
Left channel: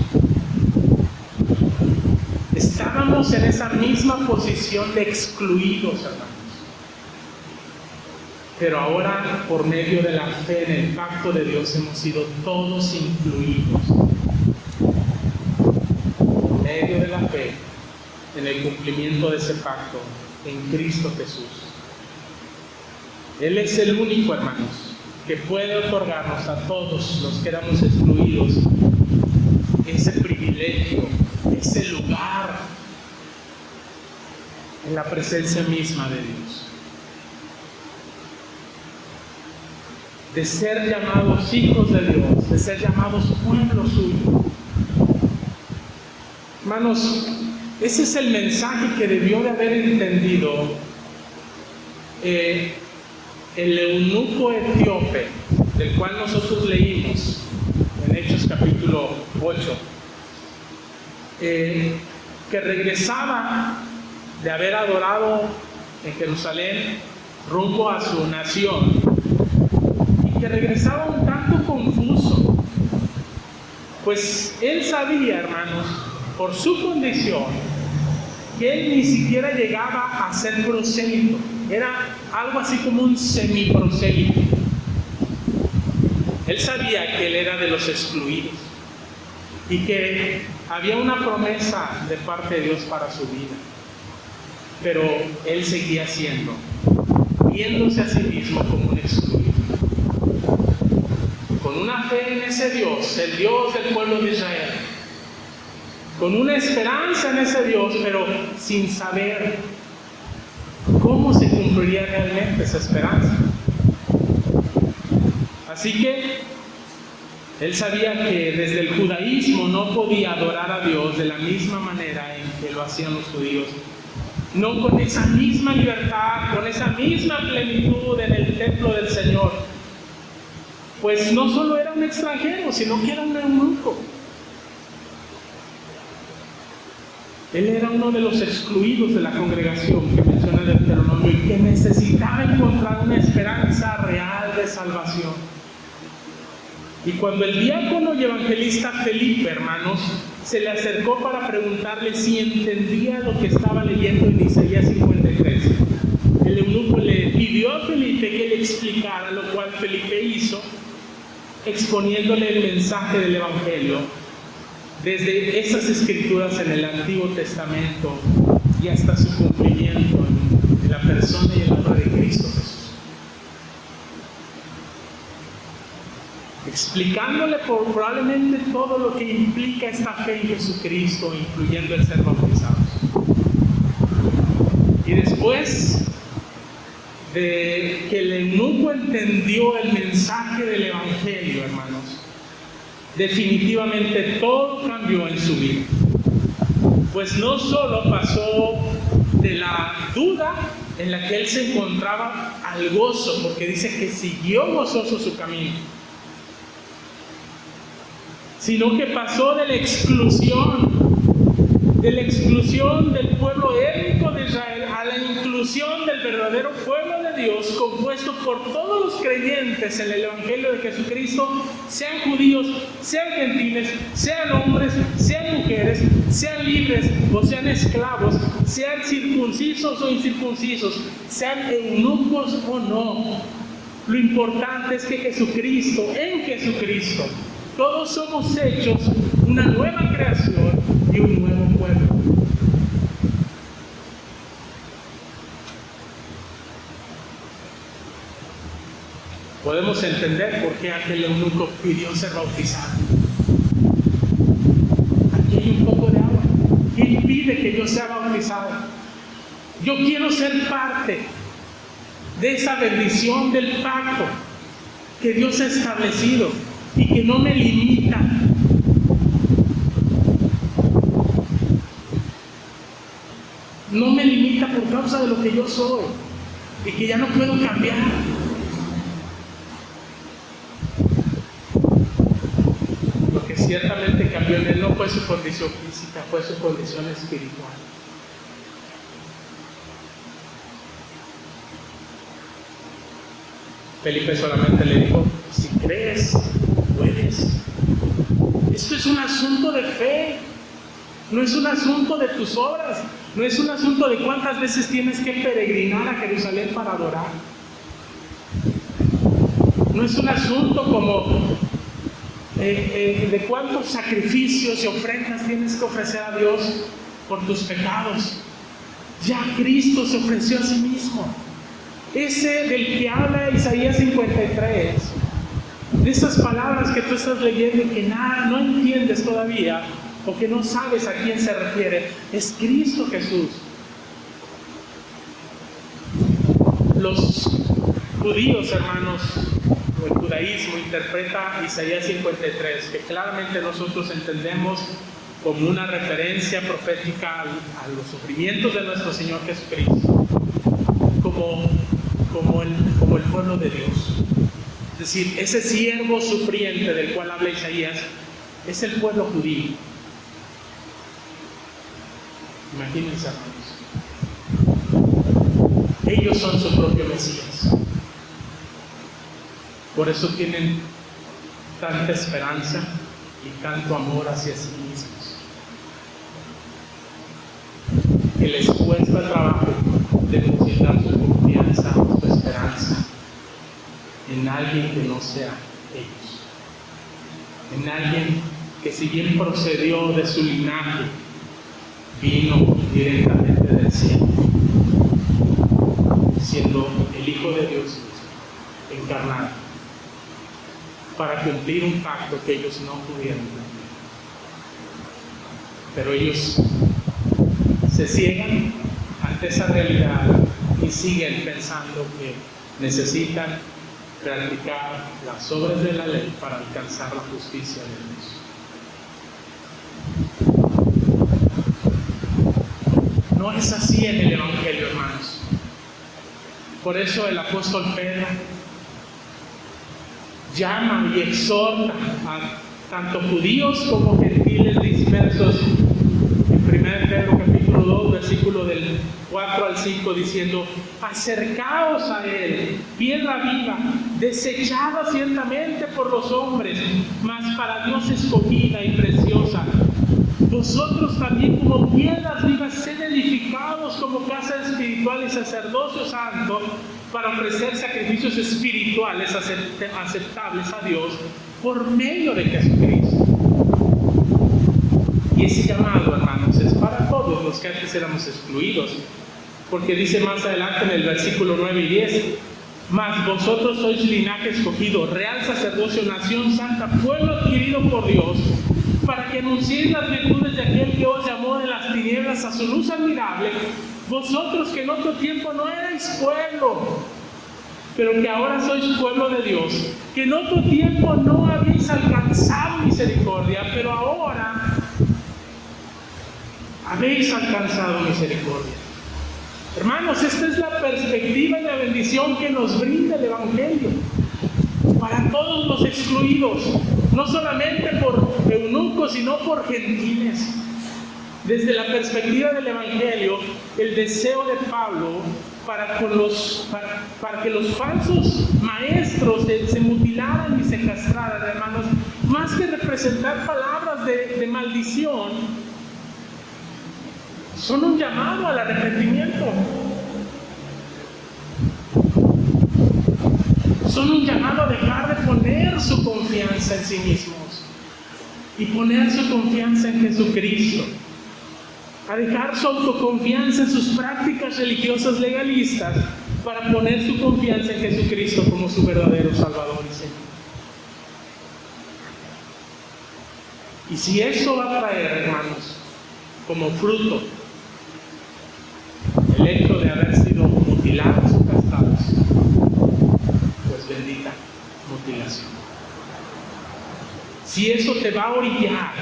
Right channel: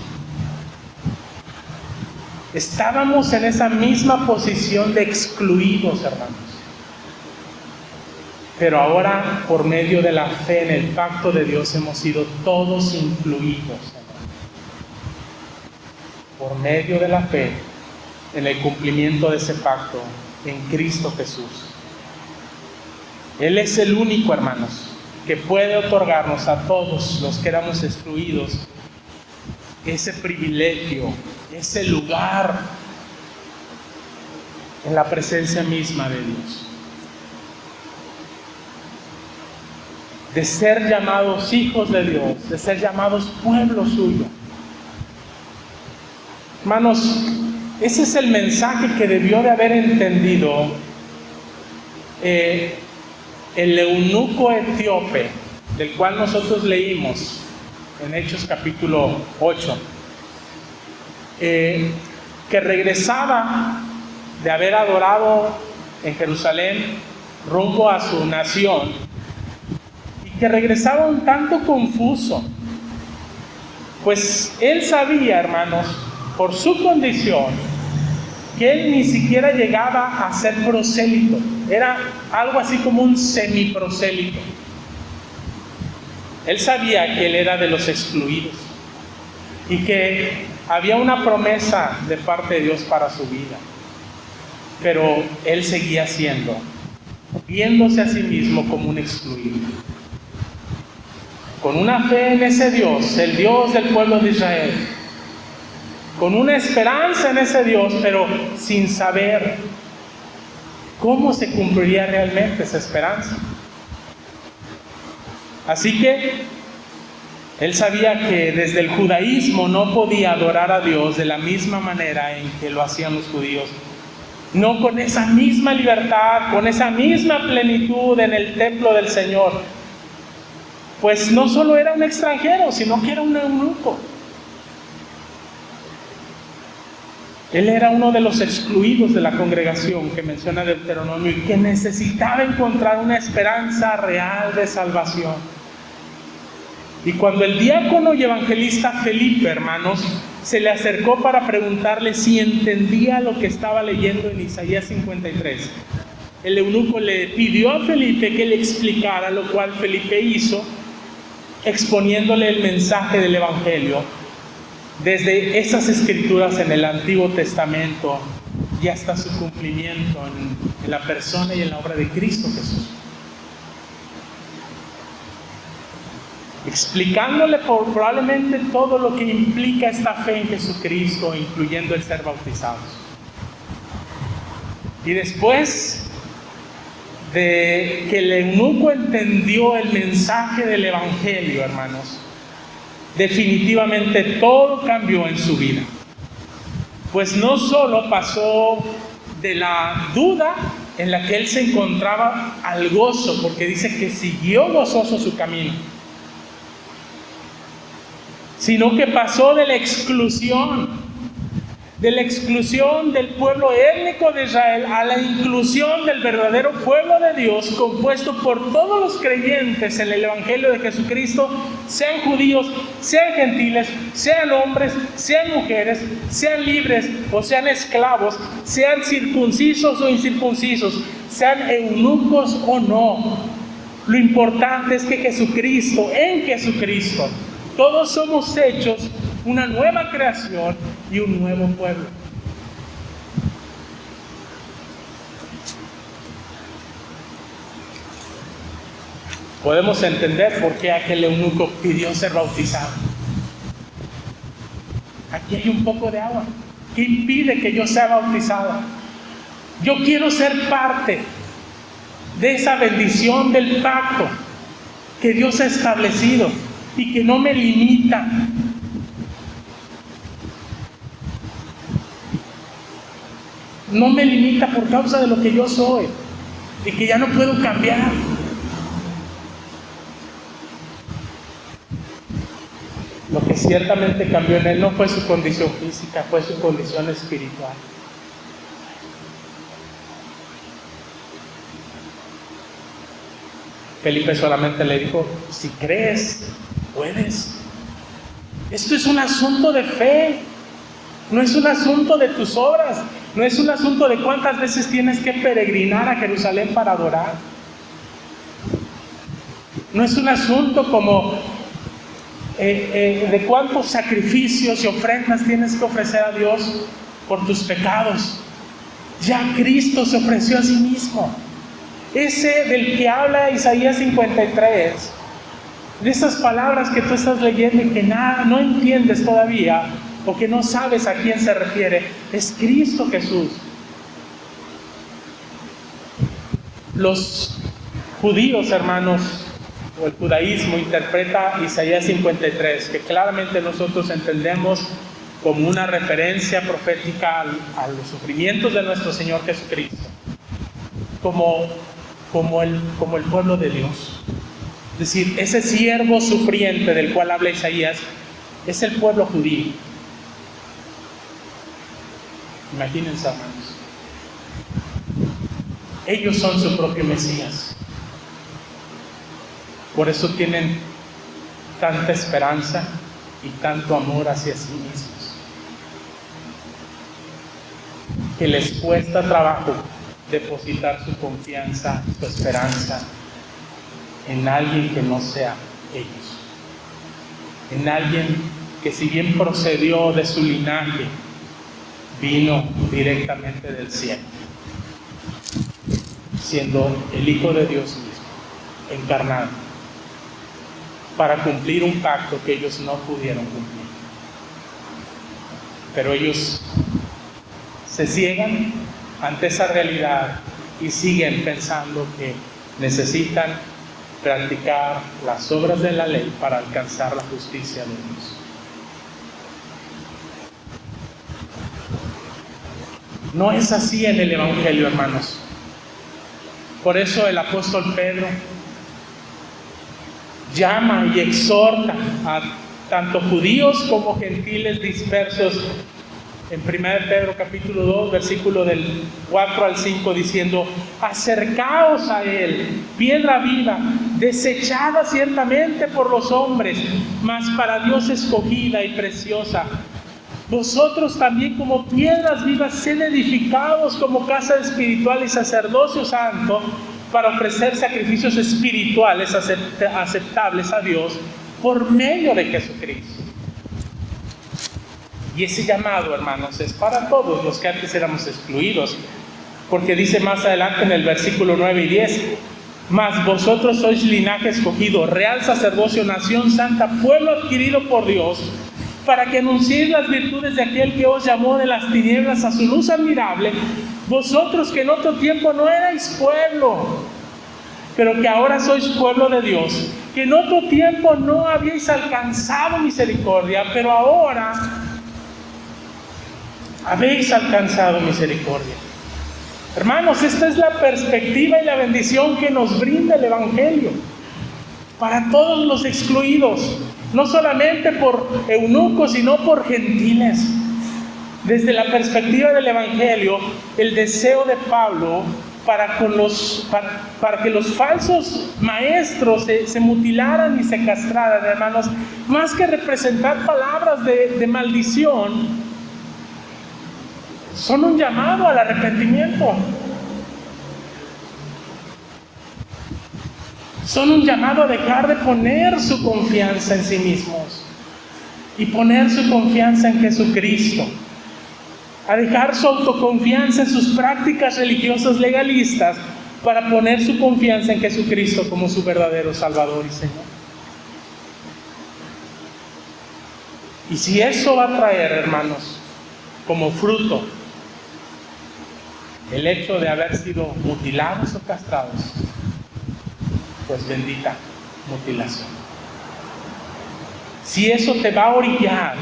Estábamos en esa misma posición de excluidos, hermanos. Pero ahora, por medio de la fe en el pacto de Dios, hemos sido todos incluidos. Por medio de la fe en el cumplimiento de ese pacto en Cristo Jesús. Él es el único, hermanos, que puede otorgarnos a todos los que éramos excluidos ese privilegio, ese lugar en la presencia misma de Dios. De ser llamados hijos de Dios, de ser llamados pueblo suyo. Hermanos, Ese es el mensaje que debió de haber entendido el eunuco etíope, del cual nosotros leímos en Hechos capítulo 8, que regresaba de haber adorado en Jerusalén rumbo a su nación, y que regresaba un tanto confuso, pues él sabía, hermanos, por su condición, que él ni siquiera llegaba a ser prosélito, era algo así como un semiprosélito. Él sabía que él era de los excluidos y que había una promesa de parte de Dios para su vida, pero él seguía viéndose a sí mismo como un excluido, con una fe en ese Dios, el Dios del pueblo de Israel, con una esperanza en ese Dios, pero sin saber cómo se cumpliría realmente esa esperanza. Así que él sabía que desde el judaísmo no podía adorar a Dios de la misma manera en que lo hacían los judíos, no con esa misma libertad, con esa misma plenitud en el templo del Señor, pues no solo era un extranjero, sino que era un eunuco. Él era uno de los excluidos de la congregación que menciona Deuteronomio y que necesitaba encontrar una esperanza real de salvación. Y cuando el diácono y evangelista Felipe, hermanos, se le acercó para preguntarle si entendía lo que estaba leyendo en Isaías 53, el eunuco le pidió a Felipe que le explicara, lo cual Felipe hizo, exponiéndole el mensaje del evangelio desde esas escrituras en el Antiguo Testamento y hasta su cumplimiento en la persona y en la obra de Cristo Jesús, explicándole probablemente todo lo que implica esta fe en Jesucristo, incluyendo el ser bautizados. Y después de que el eunuco entendió el mensaje del evangelio, hermanos, definitivamente todo cambió en su vida. Pues no solo pasó de la duda en la que él se encontraba al gozo, porque dice que siguió gozoso su camino, sino que pasó de la exclusión del pueblo étnico de Israel a la inclusión del verdadero pueblo de Dios, compuesto por todos los creyentes en el Evangelio de Jesucristo, sean judíos, sean gentiles, sean hombres, sean mujeres, sean libres o sean esclavos, sean circuncisos o incircuncisos, sean eunucos o no. Lo importante es que en Jesucristo, todos somos hechos una nueva creación y un nuevo pueblo. Podemos entender por qué aquel eunuco pidió ser bautizado. Aquí hay un poco de agua. ¿Qué impide que yo sea bautizado? Yo quiero ser parte de esa bendición del pacto que Dios ha establecido y que no me limita. No me limita por causa de lo que yo soy y que ya no puedo cambiar. Lo que ciertamente cambió en él no fue su condición física, fue su condición espiritual. Felipe solamente le dijo: si crees, puedes. Esto es un asunto de fe, no es un asunto de tus obras, no es un asunto de cuántas veces tienes que peregrinar a Jerusalén para adorar. No es un asunto como de cuántos sacrificios y ofrendas tienes que ofrecer a Dios por tus pecados. Ya Cristo se ofreció a sí mismo. Ese del que habla Isaías 53, de esas palabras que tú estás leyendo y que no entiendes todavía, o que no sabes a quién se refiere, es Cristo Jesús. Los judíos, hermanos, o el judaísmo interpreta Isaías 53, que claramente nosotros entendemos como una referencia profética a los sufrimientos de nuestro Señor Jesucristo, como el pueblo de Dios. Es decir, ese siervo sufriente del cual habla Isaías es el pueblo judío. Imagínense, hermanos. Ellos son su propio Mesías. Por eso tienen tanta esperanza y tanto amor hacia sí mismos, que les cuesta trabajo depositar su confianza, su esperanza en alguien que no sea ellos, en alguien que, si bien procedió de su linaje, vino directamente del cielo, siendo el Hijo de Dios mismo, encarnado, para cumplir un pacto que ellos no pudieron cumplir. Pero ellos se ciegan ante esa realidad y siguen pensando que necesitan practicar las obras de la ley para alcanzar la justicia de Dios. No es así en el Evangelio, hermanos. Por eso el apóstol Pedro llama y exhorta a tanto judíos como gentiles dispersos en 1 Pedro capítulo 2, versículo del 4 al 5, diciendo: acercaos a él, piedra viva, desechada ciertamente por los hombres, mas para Dios escogida y preciosa. Vosotros también, como piedras vivas, sed edificados como casa espiritual y sacerdocio santo, para ofrecer sacrificios espirituales aceptables a Dios por medio de Jesucristo. Y ese llamado, hermanos, es para todos los que antes éramos excluidos, porque dice más adelante en el versículo 9 y 10: mas vosotros sois linaje escogido, real sacerdocio, nación santa, pueblo adquirido por Dios, para que anunciéis las virtudes de aquel que os llamó de las tinieblas a su luz admirable. Vosotros que en otro tiempo no erais pueblo, pero que ahora sois pueblo de Dios, que en otro tiempo no habéis alcanzado misericordia, pero ahora habéis alcanzado misericordia. Hermanos, esta es la perspectiva y la bendición que nos brinda el Evangelio para todos los excluidos, no solamente por eunucos, sino por gentiles. Desde la perspectiva del Evangelio, el deseo de Pablo para que los falsos maestros se mutilaran y se castraran, hermanos, más que representar palabras de maldición, son un llamado al arrepentimiento. Son un llamado a dejar de poner su confianza en sí mismos y poner su confianza en Jesucristo. A dejar su autoconfianza en sus prácticas religiosas legalistas para poner su confianza en Jesucristo como su verdadero Salvador y Señor. Y si eso va a traer, hermanos, como fruto el hecho de haber sido mutilados o castrados, pues bendita mutilación. Si eso te va a orillar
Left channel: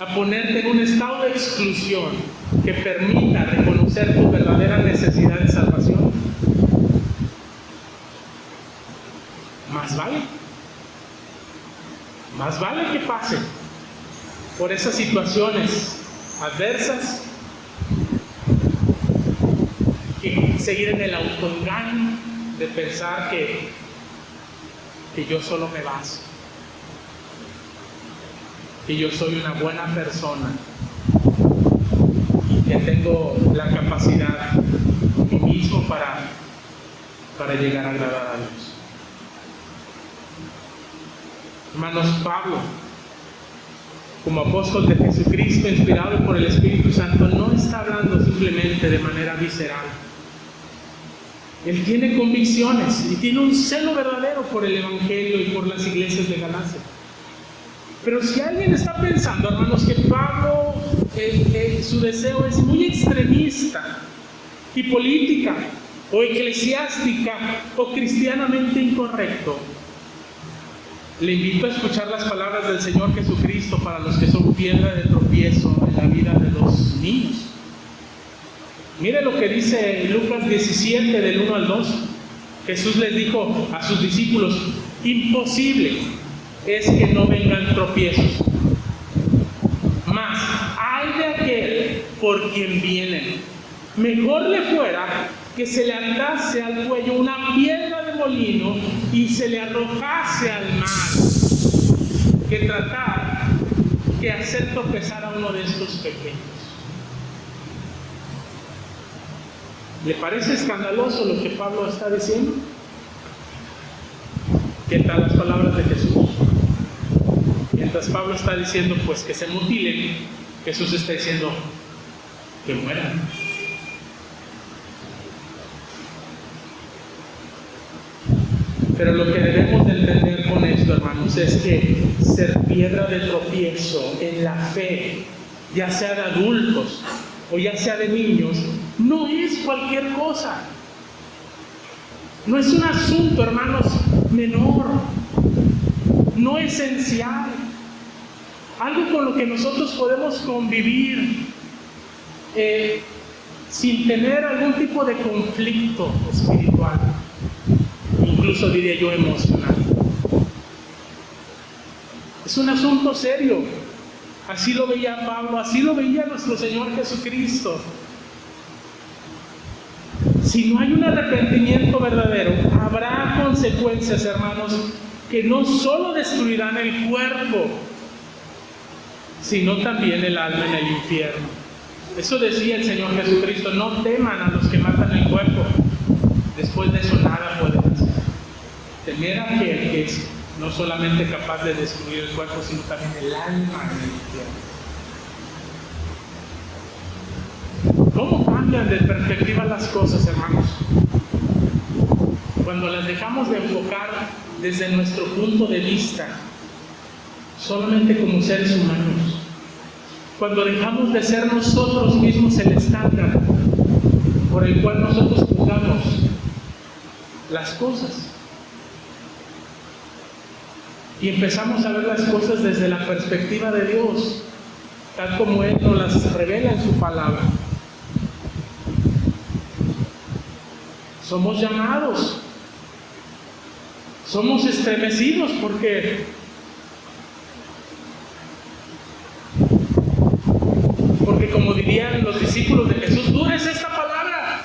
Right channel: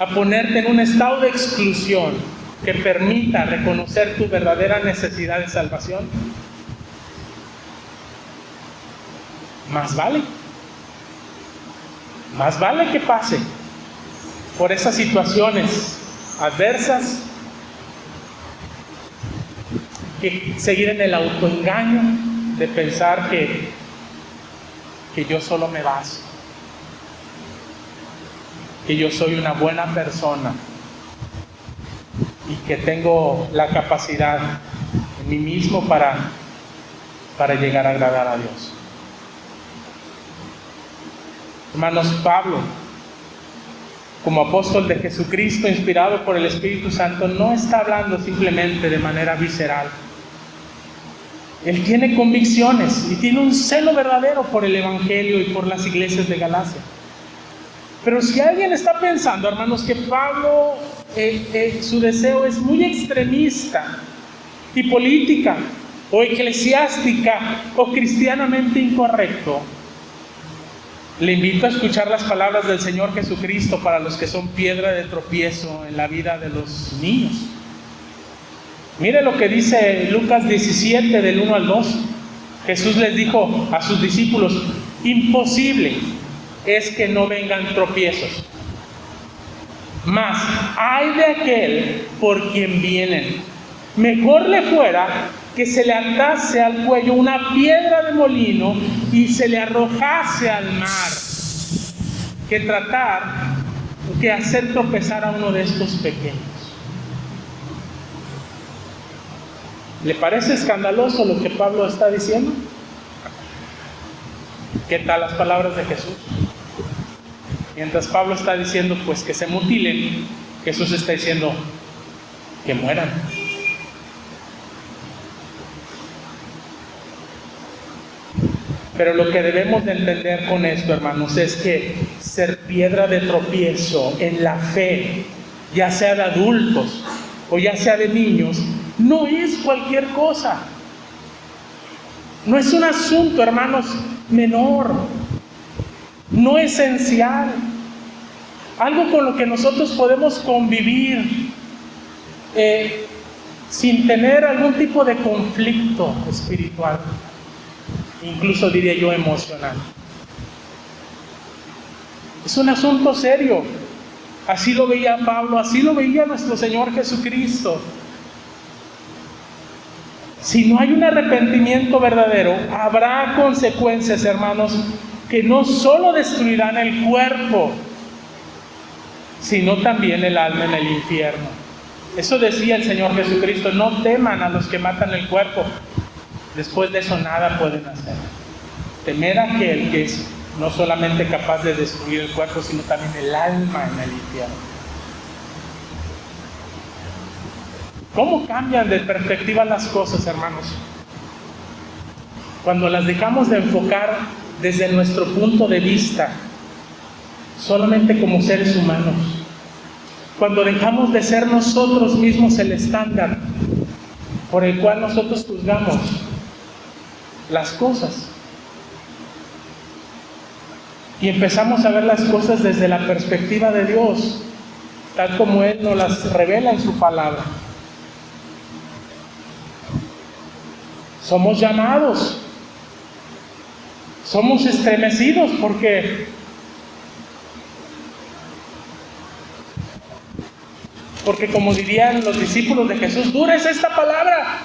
a ponerte en un estado de exclusión que permita reconocer tu verdadera necesidad de salvación, más vale que pase por esas situaciones adversas que seguir en el autoengaño de pensar que yo solo me basto, que yo soy una buena persona y que tengo la capacidad en mí mismo para llegar a agradar a Dios. Hermanos, Pablo, como apóstol de Jesucristo, inspirado por el Espíritu Santo, no está hablando simplemente de manera visceral. Él tiene convicciones y tiene un celo verdadero por el Evangelio y por las iglesias de Galacia. Pero si alguien está pensando, hermanos, que Pablo, su deseo es muy extremista y política o eclesiástica o cristianamente incorrecto, Le invito a escuchar las palabras del Señor Jesucristo para los que son piedra de tropiezo en la vida de los niños. Mire lo que dice Lucas 17, del 1 al 2. Jesús les dijo a sus discípulos: imposible es que no vengan tropiezos, mas ay de aquel por quien vienen. Mejor le fuera que se le atase al cuello una piedra de molino y se le arrojase al mar, que tratar que hacer tropezar a uno de estos pequeños. ¿Le parece escandaloso lo que Pablo está diciendo? ¿Qué tal las palabras de Jesús? Mientras Pablo está diciendo pues que se mutilen, Jesús está diciendo que mueran. Pero lo que debemos de entender con esto, hermanos, es que ser piedra de tropiezo en la fe, ya sea de adultos o ya sea de niños, no es cualquier cosa. No es un asunto, hermanos, menor, no esencial. Algo con lo que nosotros podemos convivir sin tener algún tipo de conflicto espiritual, incluso diría yo emocional. Es un asunto serio. Así lo veía Pablo, así lo veía nuestro Señor Jesucristo. Si no hay un arrepentimiento verdadero, habrá consecuencias, hermanos, que no solo destruirán el cuerpo, sino también el alma en el infierno. Eso decía el Señor Jesucristo: no teman a los que matan el cuerpo, después de eso nada pueden hacer. Temer a aquel que es no solamente capaz de destruir el cuerpo, sino también el alma en el infierno. ¿Cómo cambian de perspectiva las cosas, hermanos? Cuando las dejamos de enfocar desde nuestro punto de vista, solamente como seres humanos. Cuando dejamos de ser nosotros mismos el estándar por el cual nosotros juzgamos las cosas. Y empezamos a ver las cosas desde la perspectiva de Dios, tal como Él nos las revela en su palabra. Somos llamados, somos estremecidos porque como dirían los discípulos de Jesús, dura es esta palabra,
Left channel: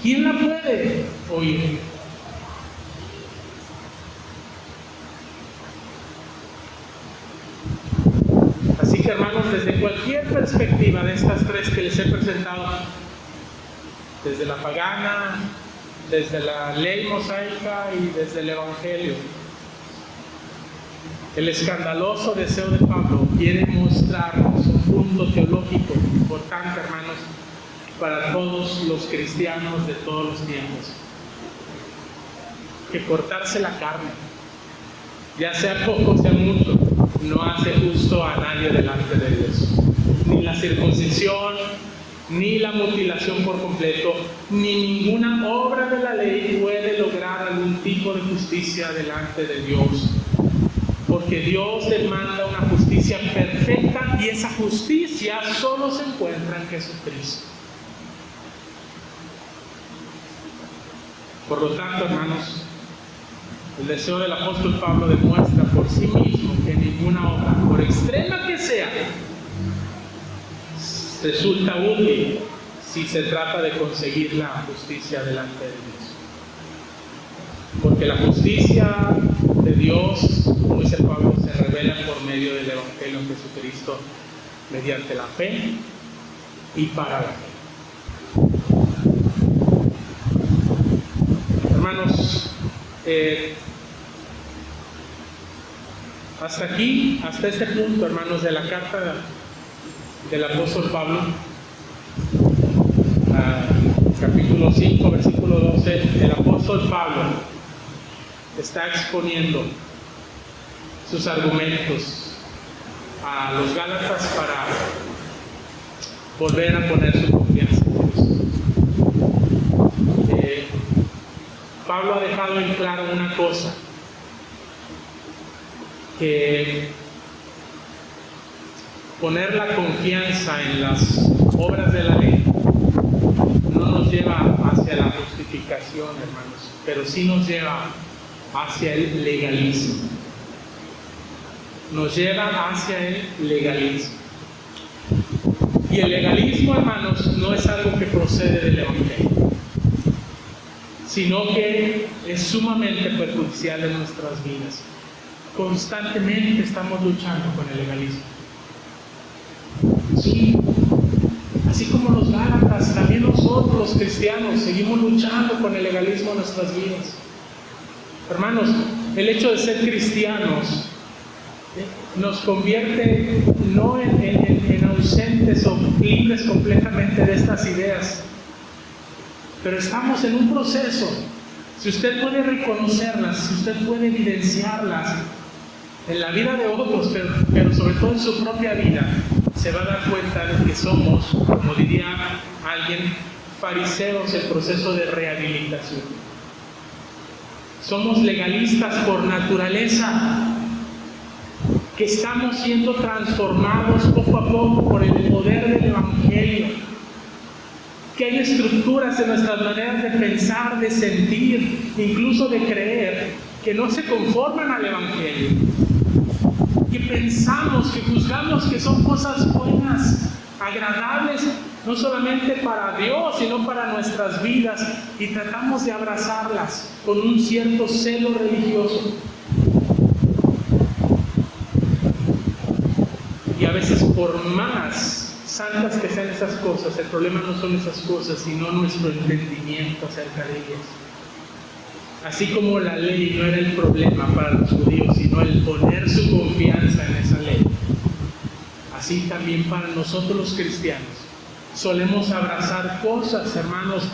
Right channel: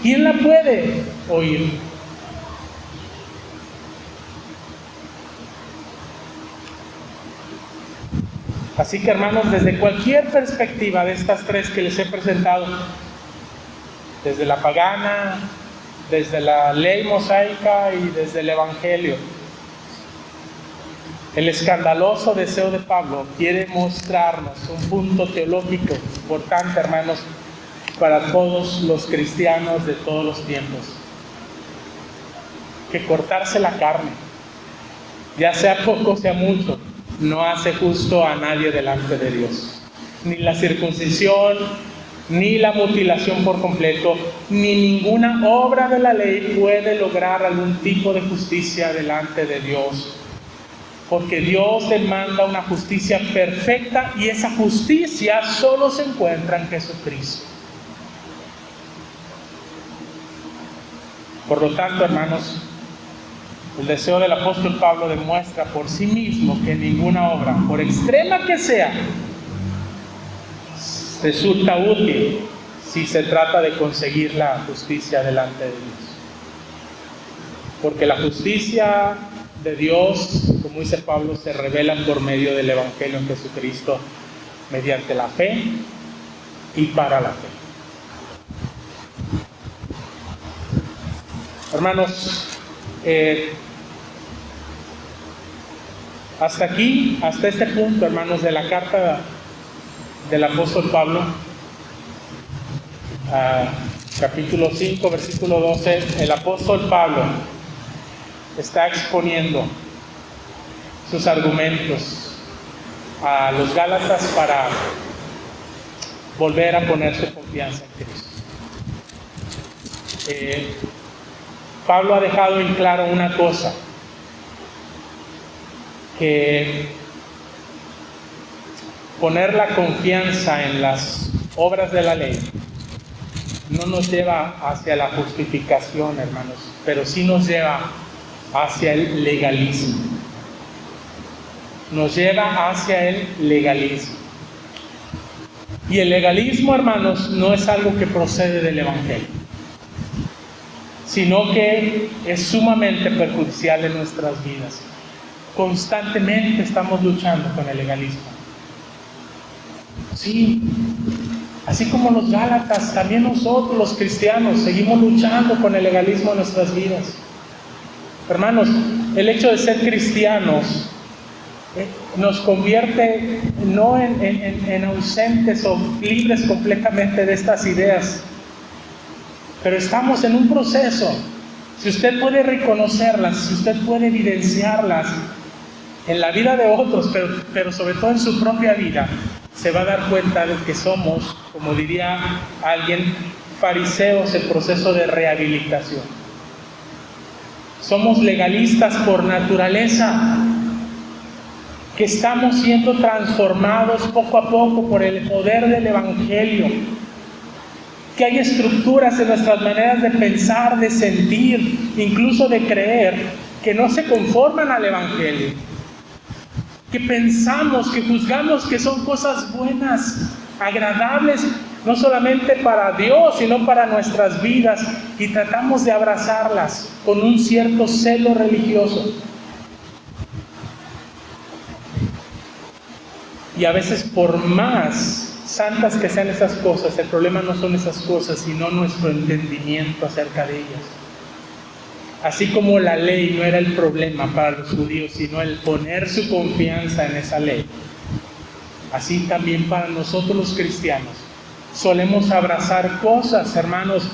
¿quién la puede oír? Así que, hermanos, desde cualquier perspectiva de estas tres que les he presentado, desde la pagana, desde la ley mosaica y desde el Evangelio, el escandaloso deseo de Pablo quiere mostrarnos un punto teológico importante, hermanos, para todos los cristianos de todos los tiempos: que cortarse la carne, ya sea poco, sea mucho, no hace justo a nadie delante de Dios. Ni la circuncisión, ni la mutilación por completo, ni ninguna obra de la ley puede lograr algún tipo de justicia delante de Dios. Porque Dios demanda una justicia perfecta y esa justicia solo se encuentra en Jesucristo. Por lo tanto, hermanos, el deseo del apóstol Pablo demuestra por sí mismo que ninguna obra, por extrema que sea, resulta útil si se trata de conseguir la justicia delante de Dios. Porque la justicia de Dios, como dice Pablo, se revela por medio del Evangelio en Jesucristo, mediante la fe y para la fe. Hermanos, hasta aquí, hasta este punto, hermanos, de la carta del apóstol Pablo, capítulo 5, versículo 12, el apóstol Pablo está exponiendo sus argumentos a los Gálatas para volver a poner su confianza en Cristo. Pablo ha dejado en claro una cosa: que poner la confianza en las obras de la ley no nos lleva hacia la justificación, hermanos, pero sí nos lleva hacia el legalismo. Nos lleva hacia el legalismo. Y el legalismo, hermanos, no es algo que procede del Evangelio, sino que es sumamente perjudicial en nuestras vidas. Constantemente estamos luchando con el legalismo. Sí, así como los gálatas, también nosotros los cristianos seguimos luchando con el legalismo en nuestras vidas. Hermanos, el hecho de ser cristianos nos convierte no en ausentes o libres completamente de estas ideas, pero estamos en un proceso. Si usted puede reconocerlas, si usted puede evidenciarlas en la vida de otros, pero sobre todo en su propia vida, se va a dar cuenta de que somos, como diría alguien, fariseos en proceso de rehabilitación. Somos legalistas por naturaleza, que estamos siendo transformados poco a poco por el poder del Evangelio, que hay estructuras en nuestras maneras de pensar, de sentir, incluso de creer, que no se conforman al Evangelio, que pensamos, que juzgamos que son cosas buenas, agradables, no solamente para Dios, sino para nuestras vidas, y tratamos de abrazarlas con un cierto celo religioso. Y a veces, por más santas que sean esas cosas, el problema no son esas cosas, sino nuestro entendimiento acerca de ellas. Así como la ley no era el problema para los judíos, sino el poner su confianza en esa ley, así también para nosotros los cristianos solemos abrazar cosas, hermanos,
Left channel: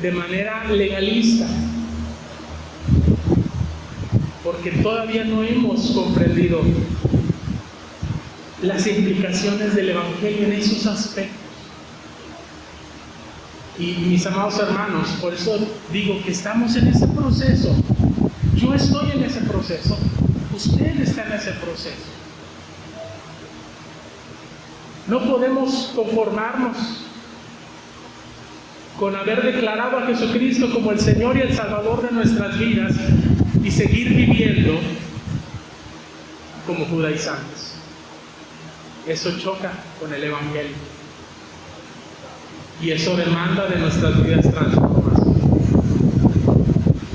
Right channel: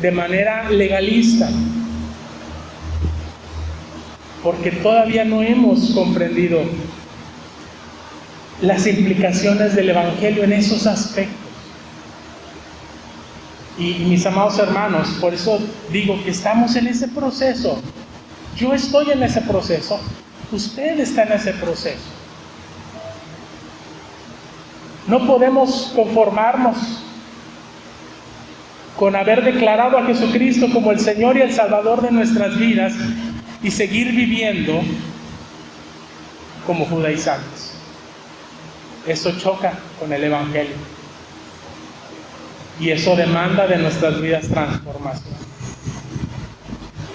de manera legalista, porque todavía no hemos comprendido las implicaciones del Evangelio en esos aspectos. Y mis amados hermanos, por eso digo que estamos en ese proceso. Yo estoy en ese proceso, usted está en ese proceso. No podemos conformarnos con haber declarado a Jesucristo como el Señor y el Salvador de nuestras vidas y seguir viviendo como judaizantes. Eso choca con el Evangelio. Y eso demanda de nuestras vidas transformación.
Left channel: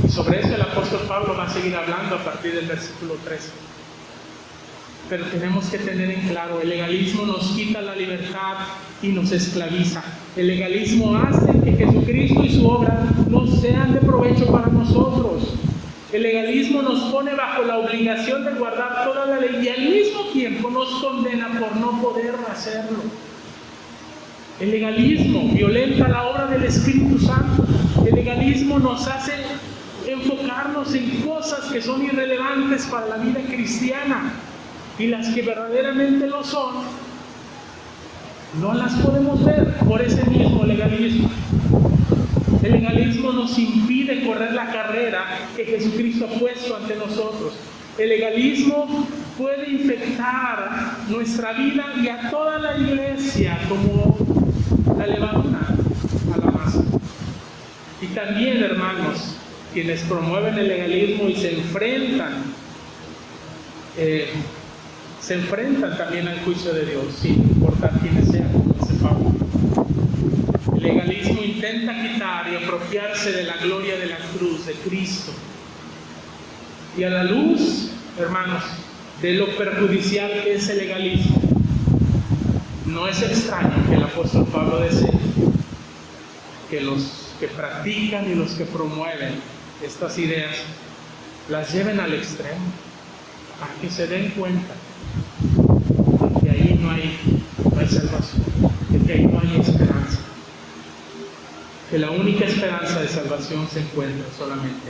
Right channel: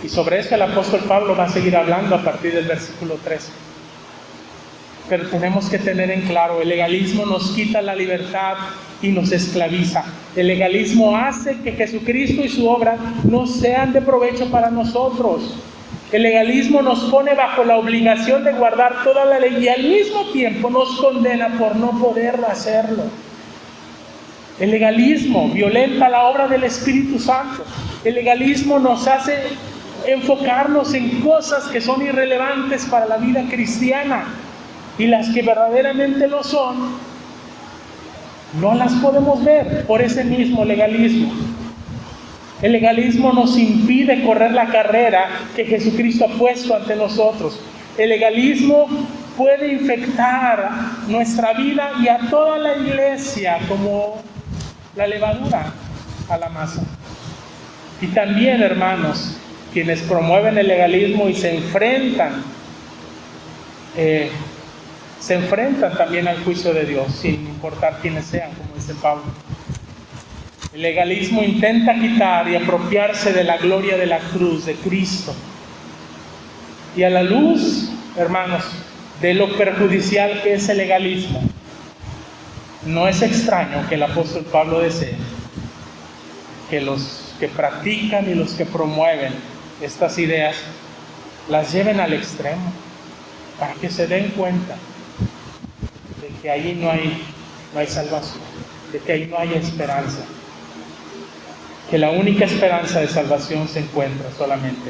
Y sobre eso el apóstol Pablo va a seguir hablando a partir del versículo 13. Pero tenemos que tener en claro, el legalismo nos quita la libertad y nos esclaviza. El legalismo hace que Jesucristo y su obra no sean de provecho para nosotros. El legalismo nos pone bajo la obligación de guardar toda la ley y al mismo tiempo nos condena por no poder hacerlo. El legalismo violenta la obra del Espíritu Santo. El legalismo nos hace enfocarnos en cosas que son irrelevantes para la vida cristiana, y las que verdaderamente lo son, no las podemos ver por ese mismo legalismo. El legalismo nos impide correr la carrera que Jesucristo ha puesto ante nosotros. El legalismo puede infectar nuestra vida y a toda la iglesia como la levadura a la masa. Y también, hermanos, quienes promueven el legalismo y se enfrentan también al juicio de Dios, sin importar quiénes sean, como dice Pablo. El legalismo intenta quitar y apropiarse de la gloria de la cruz de Cristo. Y a la luz, hermanos, de lo perjudicial que es el legalismo, no es extraño que el apóstol Pablo desee que los que practican y los que promueven estas ideas las lleven al extremo, para que se den cuenta de que ahí no hay salvación, de que ahí no hay esperanza, que la única esperanza de salvación se encuentra solamente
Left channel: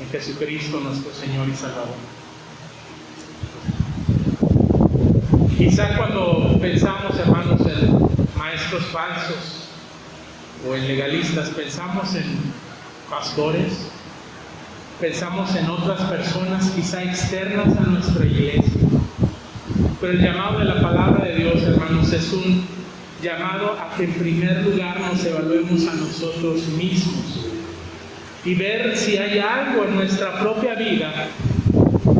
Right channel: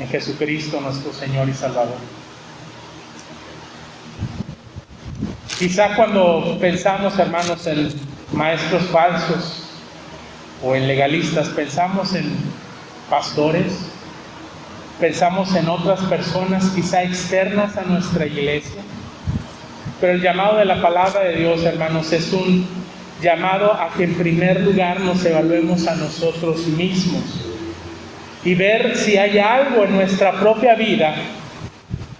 en Jesucristo nuestro Señor y Salvador. Quizá cuando pensamos, hermanos, en maestros falsos o en legalistas, pensamos en pastores, pensamos en otras personas quizá externas a nuestra iglesia. Pero el llamado de la palabra de Dios, hermanos, es un llamado a que en primer lugar nos evaluemos a nosotros mismos y ver si hay algo en nuestra propia vida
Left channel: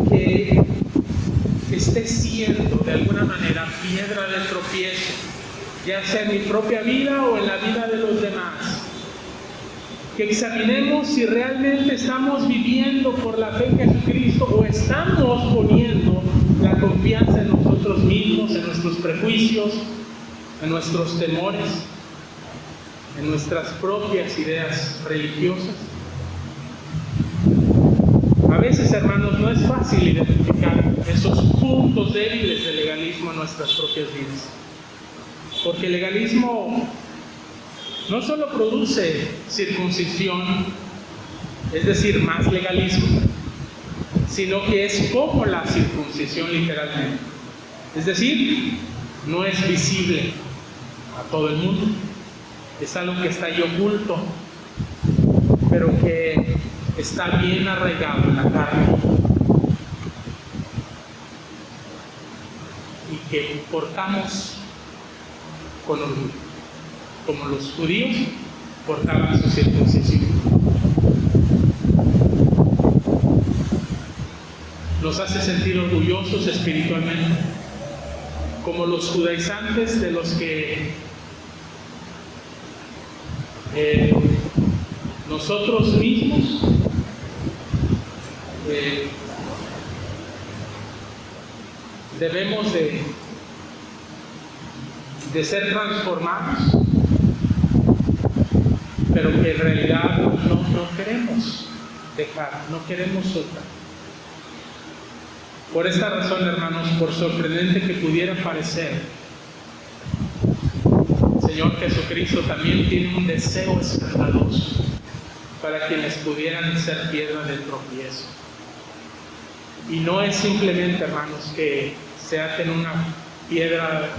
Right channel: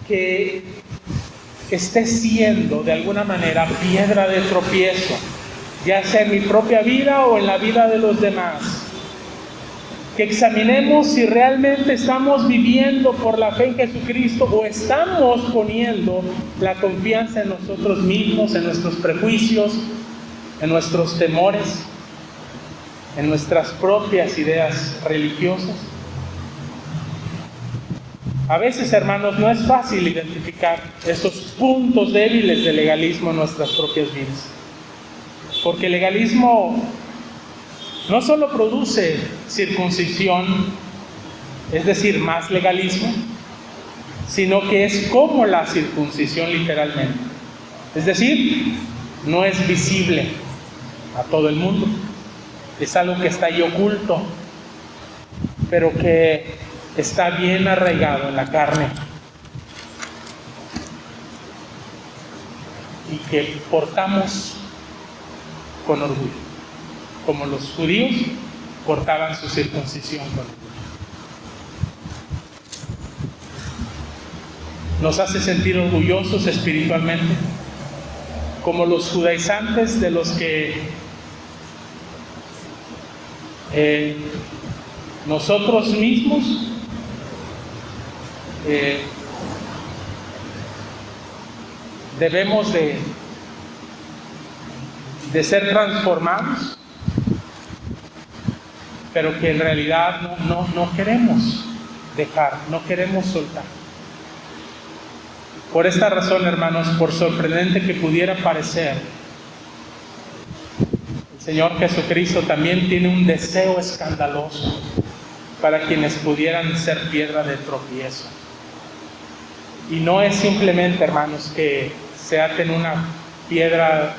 que esté siendo de alguna manera piedra de tropiezo, ya sea en mi propia vida o en la vida de los demás. Que examinemos si realmente estamos viviendo por la fe en Jesucristo o estamos poniendo la confianza en nosotros mismos, en nuestros prejuicios, en nuestros temores, en nuestras propias ideas religiosas. A veces, hermanos, no es fácil identificar esos puntos débiles del legalismo en nuestras propias vidas, porque el legalismo no solo produce circuncisión, es decir, más legalismo, sino que es como la circuncisión literalmente. Es decir, no es visible a todo el mundo, es algo que está ahí oculto, pero que está bien arraigado en la carne y que portamos con orgullo, como los judíos portaban su circuncisión con orgullo. Nos hace sentir orgullosos espiritualmente, como los judaizantes de los que nosotros mismos debemos de ser transformados, pero que en realidad no queremos dejar, no queremos soltar. Por esta razón, hermanos, por sorprendente que pudiera parecer, el Señor Jesucristo también tiene un deseo escandaloso para quienes pudieran ser piedra de tropiezo. Y no es simplemente, hermanos, que se aten una piedra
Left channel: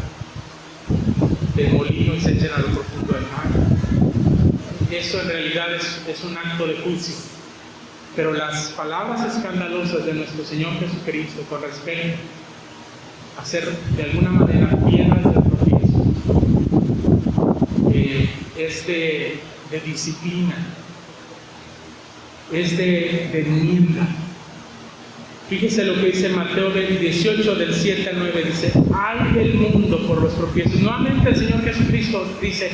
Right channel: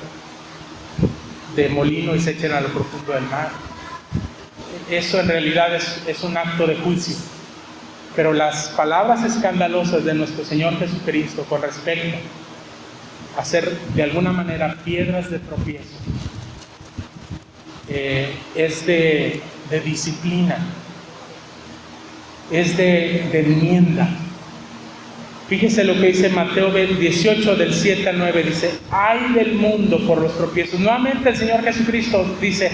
de molino y se echen a lo profundo del mar. Eso en realidad es un acto de juicio. Pero las palabras escandalosas de nuestro Señor Jesucristo con respecto a ser de alguna manera piedras de tropiezo es de disciplina, es de enmienda. Fíjese lo que dice Mateo 18 del 7 al 9, dice: ay del mundo por los tropiezos. Nuevamente el Señor Jesucristo dice:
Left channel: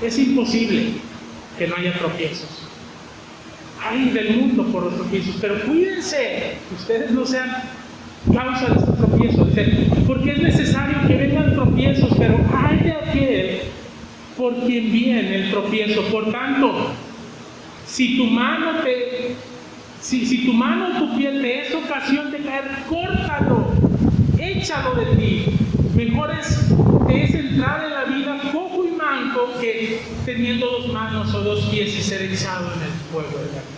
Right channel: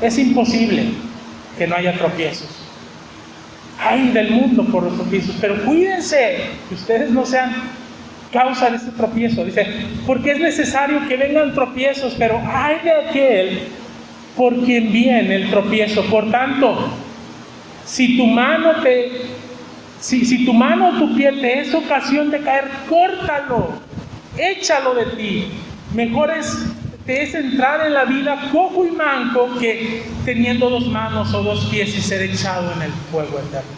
es imposible que no haya tropiezos. Ay del mundo por los tropiezos, pero cuídense que ustedes no sean causa de este tropiezo. Dice: porque es necesario que vengan tropiezos, pero ay de aquel por quien viene el tropiezo. Por tanto, si tu mano o tu pie te es ocasión de caer, córtalo, échalo de ti. Mejor te es entrar en la vida cojo y manco que teniendo 2 manos o 2 pies y ser echado en el fuego eterno.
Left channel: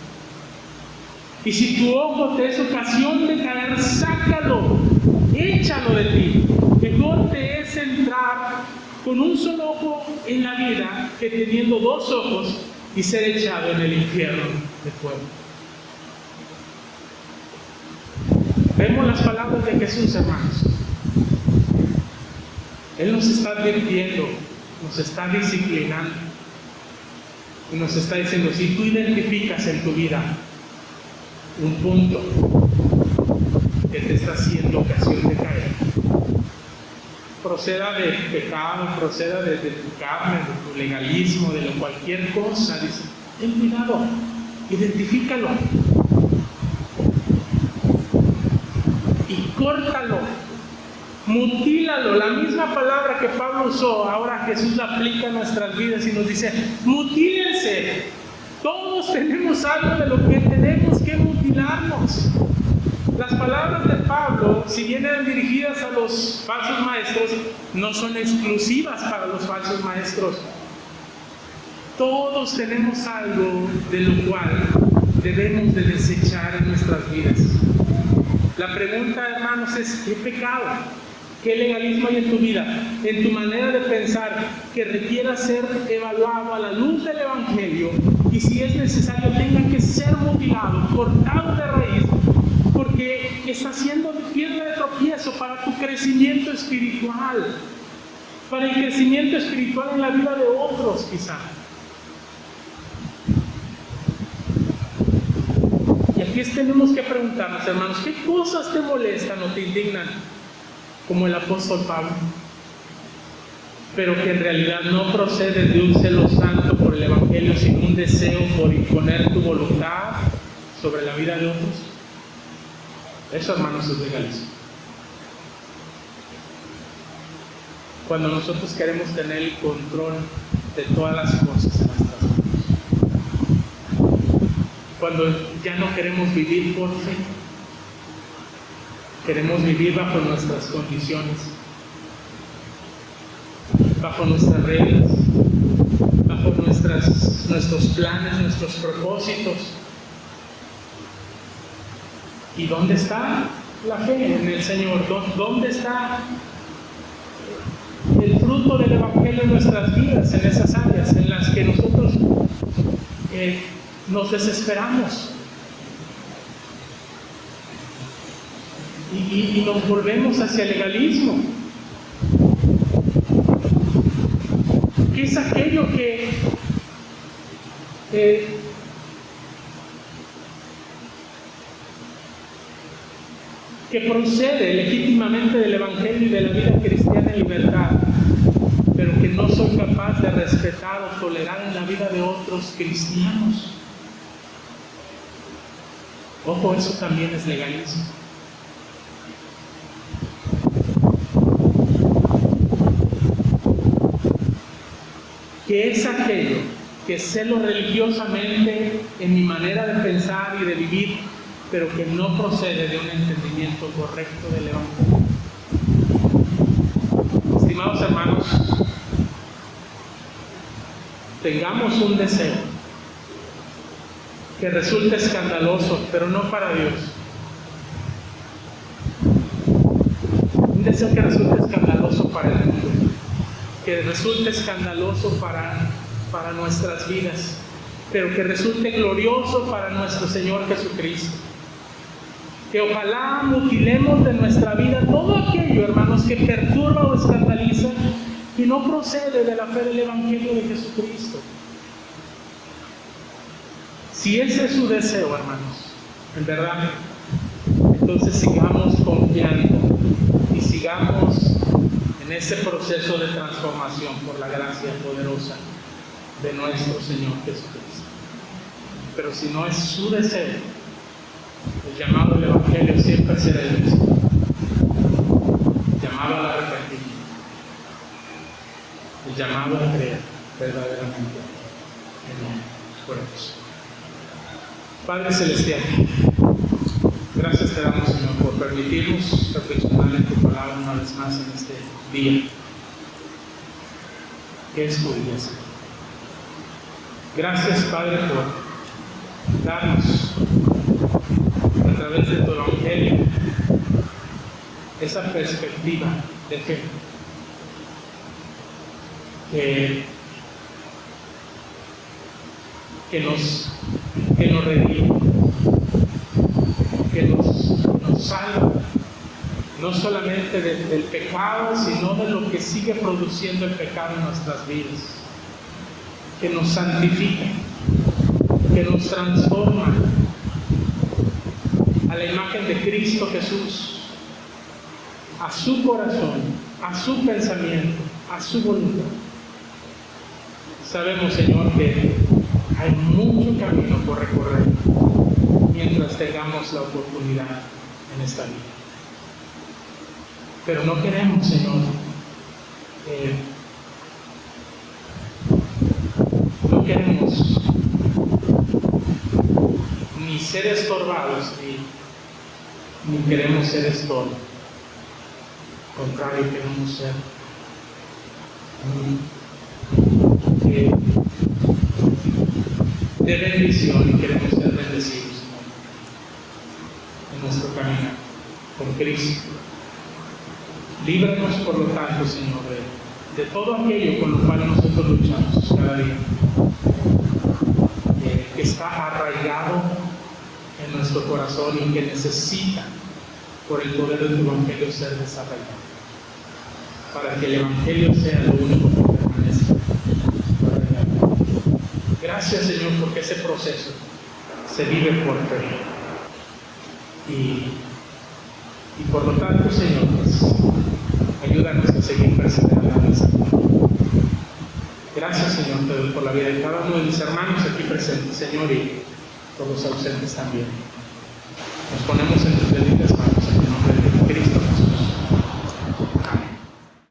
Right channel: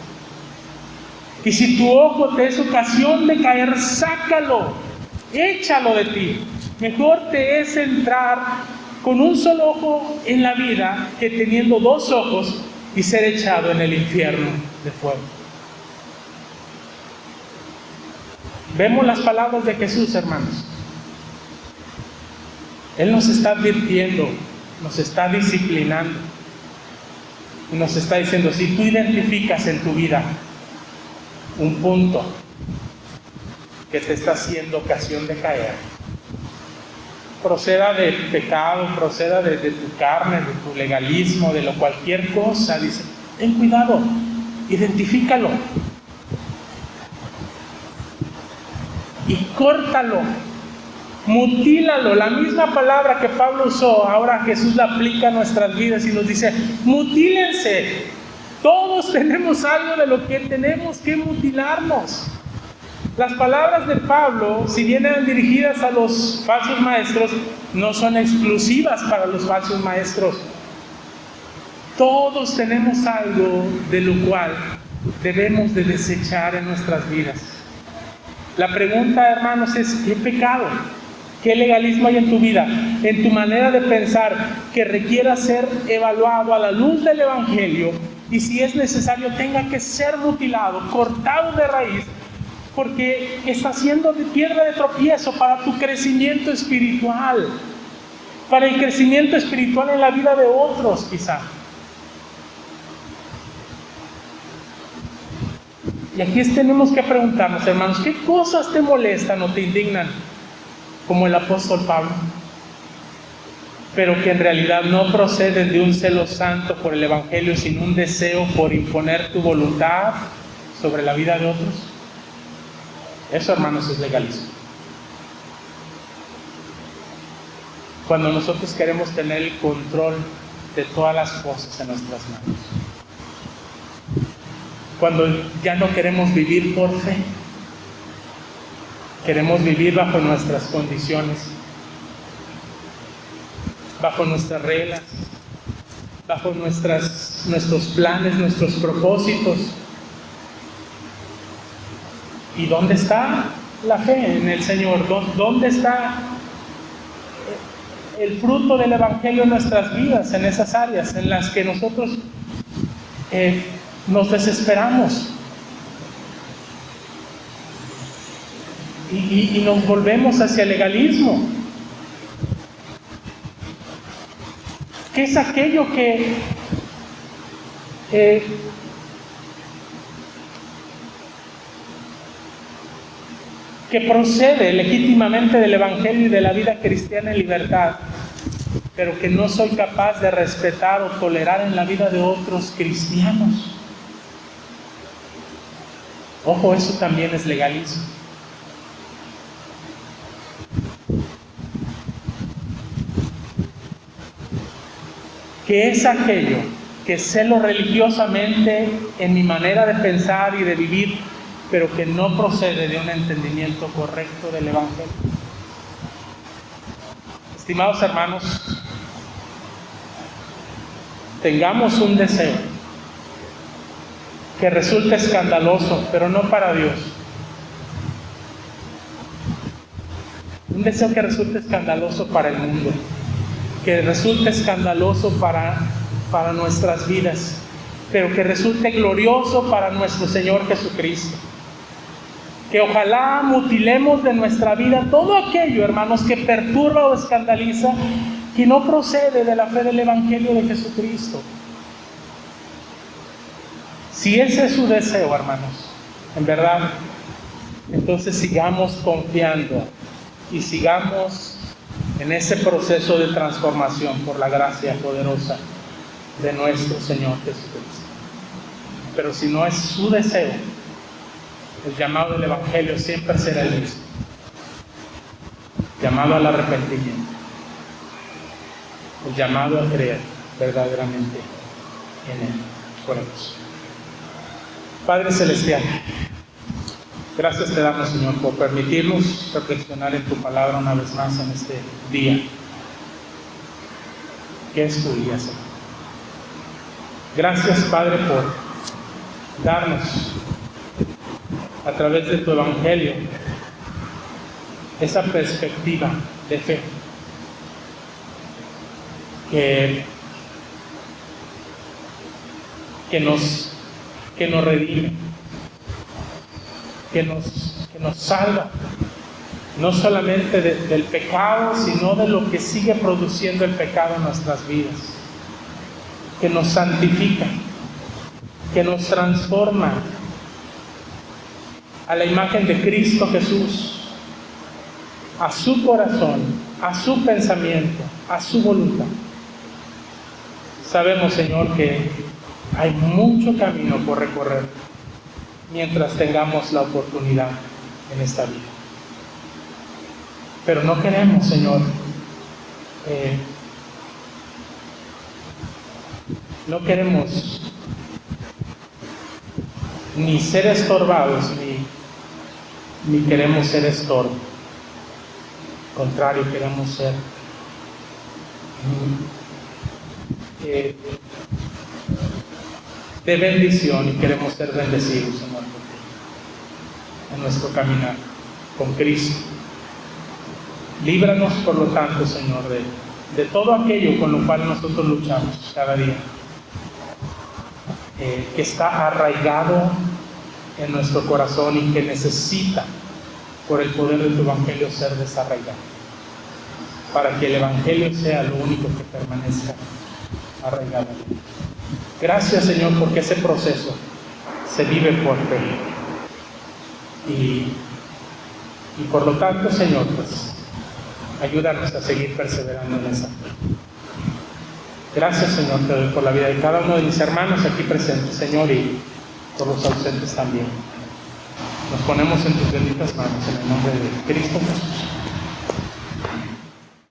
Y si tu ojo te es ocasión de caer, sácalo, échalo de ti. Mejor te es entrar con un solo ojo en la vida que teniendo 2 ojos y ser echado en el infierno de fuego. Vemos las palabras de Jesús, hermanos. Él nos está advirtiendo, nos está disciplinando y nos está diciendo: si tú identificas en tu vida un punto que te está haciendo ocasión de caer, proceda de pecado, proceda de tu carne, de tu legalismo, de cualquier cosa, dice: ten cuidado, identifícalo y córtalo, mutílalo. La misma palabra que Pablo usó, ahora Jesús la aplica a nuestras vidas y nos dice: mutílense. Todos tenemos algo de lo que tenemos que mutilarnos. Las palabras de Pablo, si bien eran dirigidas a los falsos maestros, no son exclusivas para los falsos maestros. Todos tenemos algo de lo cual debemos de desechar en nuestras vidas. La pregunta, hermanos, es: ¿qué pecado, qué legalismo hay en tu vida, en tu manera de pensar, que requiera ser evaluado a la luz del Evangelio y si es necesario tenga que ser mutilado, cortado de raíz, porque está siendo piedra de tropiezo para tu crecimiento espiritual, para el crecimiento espiritual en la vida de otros quizá. Y aquí tenemos que preguntarnos, hermanos, ¿qué cosas te molestan o te indignan? Como el apóstol Pablo, pero que en realidad no proceden de un celo santo por el Evangelio, sino un deseo por imponer tu voluntad sobre la vida de otros. Eso, hermanos, es legalismo. Cuando nosotros queremos tener el control de todas las cosas en nuestras manos. Cuando ya no queremos vivir por fe, queremos vivir bajo nuestras condiciones, bajo nuestras reglas, bajo nuestros planes, nuestros propósitos. ¿Y dónde está la fe en el Señor? ¿Dónde está el fruto del Evangelio en nuestras vidas, en esas áreas en las que nosotros nos desesperamos y nos volvemos hacia el legalismo? ¿Qué es aquello que procede legítimamente del Evangelio y de la vida cristiana en libertad, pero que no soy capaz de respetar o tolerar en la vida de otros cristianos? Ojo, eso también es legalismo. ¿Qué es aquello que celo religiosamente en mi manera de pensar y de vivir, pero que no procede de un entendimiento correcto del Evangelio? Estimados hermanos, tengamos un deseo que resulte escandaloso, pero no para Dios. Un deseo que resulte escandaloso para el mundo, que resulte escandaloso para nuestras vidas, pero que resulte glorioso para nuestro Señor Jesucristo. Que ojalá mutilemos de nuestra vida todo aquello, hermanos, que perturba o escandaliza, que no procede de la fe del Evangelio de Jesucristo. Si ese es su deseo, hermanos, en verdad, entonces sigamos confiando y sigamos en ese proceso de transformación por la gracia poderosa de nuestro Señor Jesucristo. Pero si no es su deseo, el llamado del Evangelio siempre será el mismo: llamado al arrepentimiento, el llamado a creer verdaderamente en Él. Oremos. Padre Celestial, gracias te damos, Señor, por permitirnos reflexionar en tu palabra una vez más en este día, que es tu día, Señor. Gracias, Padre, por darnos a través de tu Evangelio esa perspectiva de fe que nos redime, que nos salva, no solamente del pecado, sino de lo que sigue produciendo el pecado en nuestras vidas, que nos santifica, que nos transforma a la imagen de Cristo Jesús, a su corazón, a su pensamiento, a su voluntad. Sabemos, Señor, que hay mucho camino por recorrer mientras tengamos la oportunidad en esta vida. Pero no queremos, Señor, no queremos ni ser estorbados, ni queremos ser estorbo. Al contrario, queremos ser de bendición, y queremos ser bendecidos, Señor, en nuestro caminar con Cristo. Líbranos, por lo tanto, Señor, de todo aquello con lo cual nosotros luchamos cada día. que está arraigado en nuestro corazón y que necesita, por el poder de tu Evangelio, ser desarraigado, para que el Evangelio sea lo único que permanezca arraigado. Gracias, Señor, porque ese proceso se vive por fe. Y por lo tanto, Señor, pues, ayúdanos a seguir perseverando en esa. Gracias, Señor, te doy por la vida de cada uno de mis hermanos aquí presentes, Señor, y por los ausentes también. Nos ponemos en tus benditas manos, en el nombre de Cristo Jesús.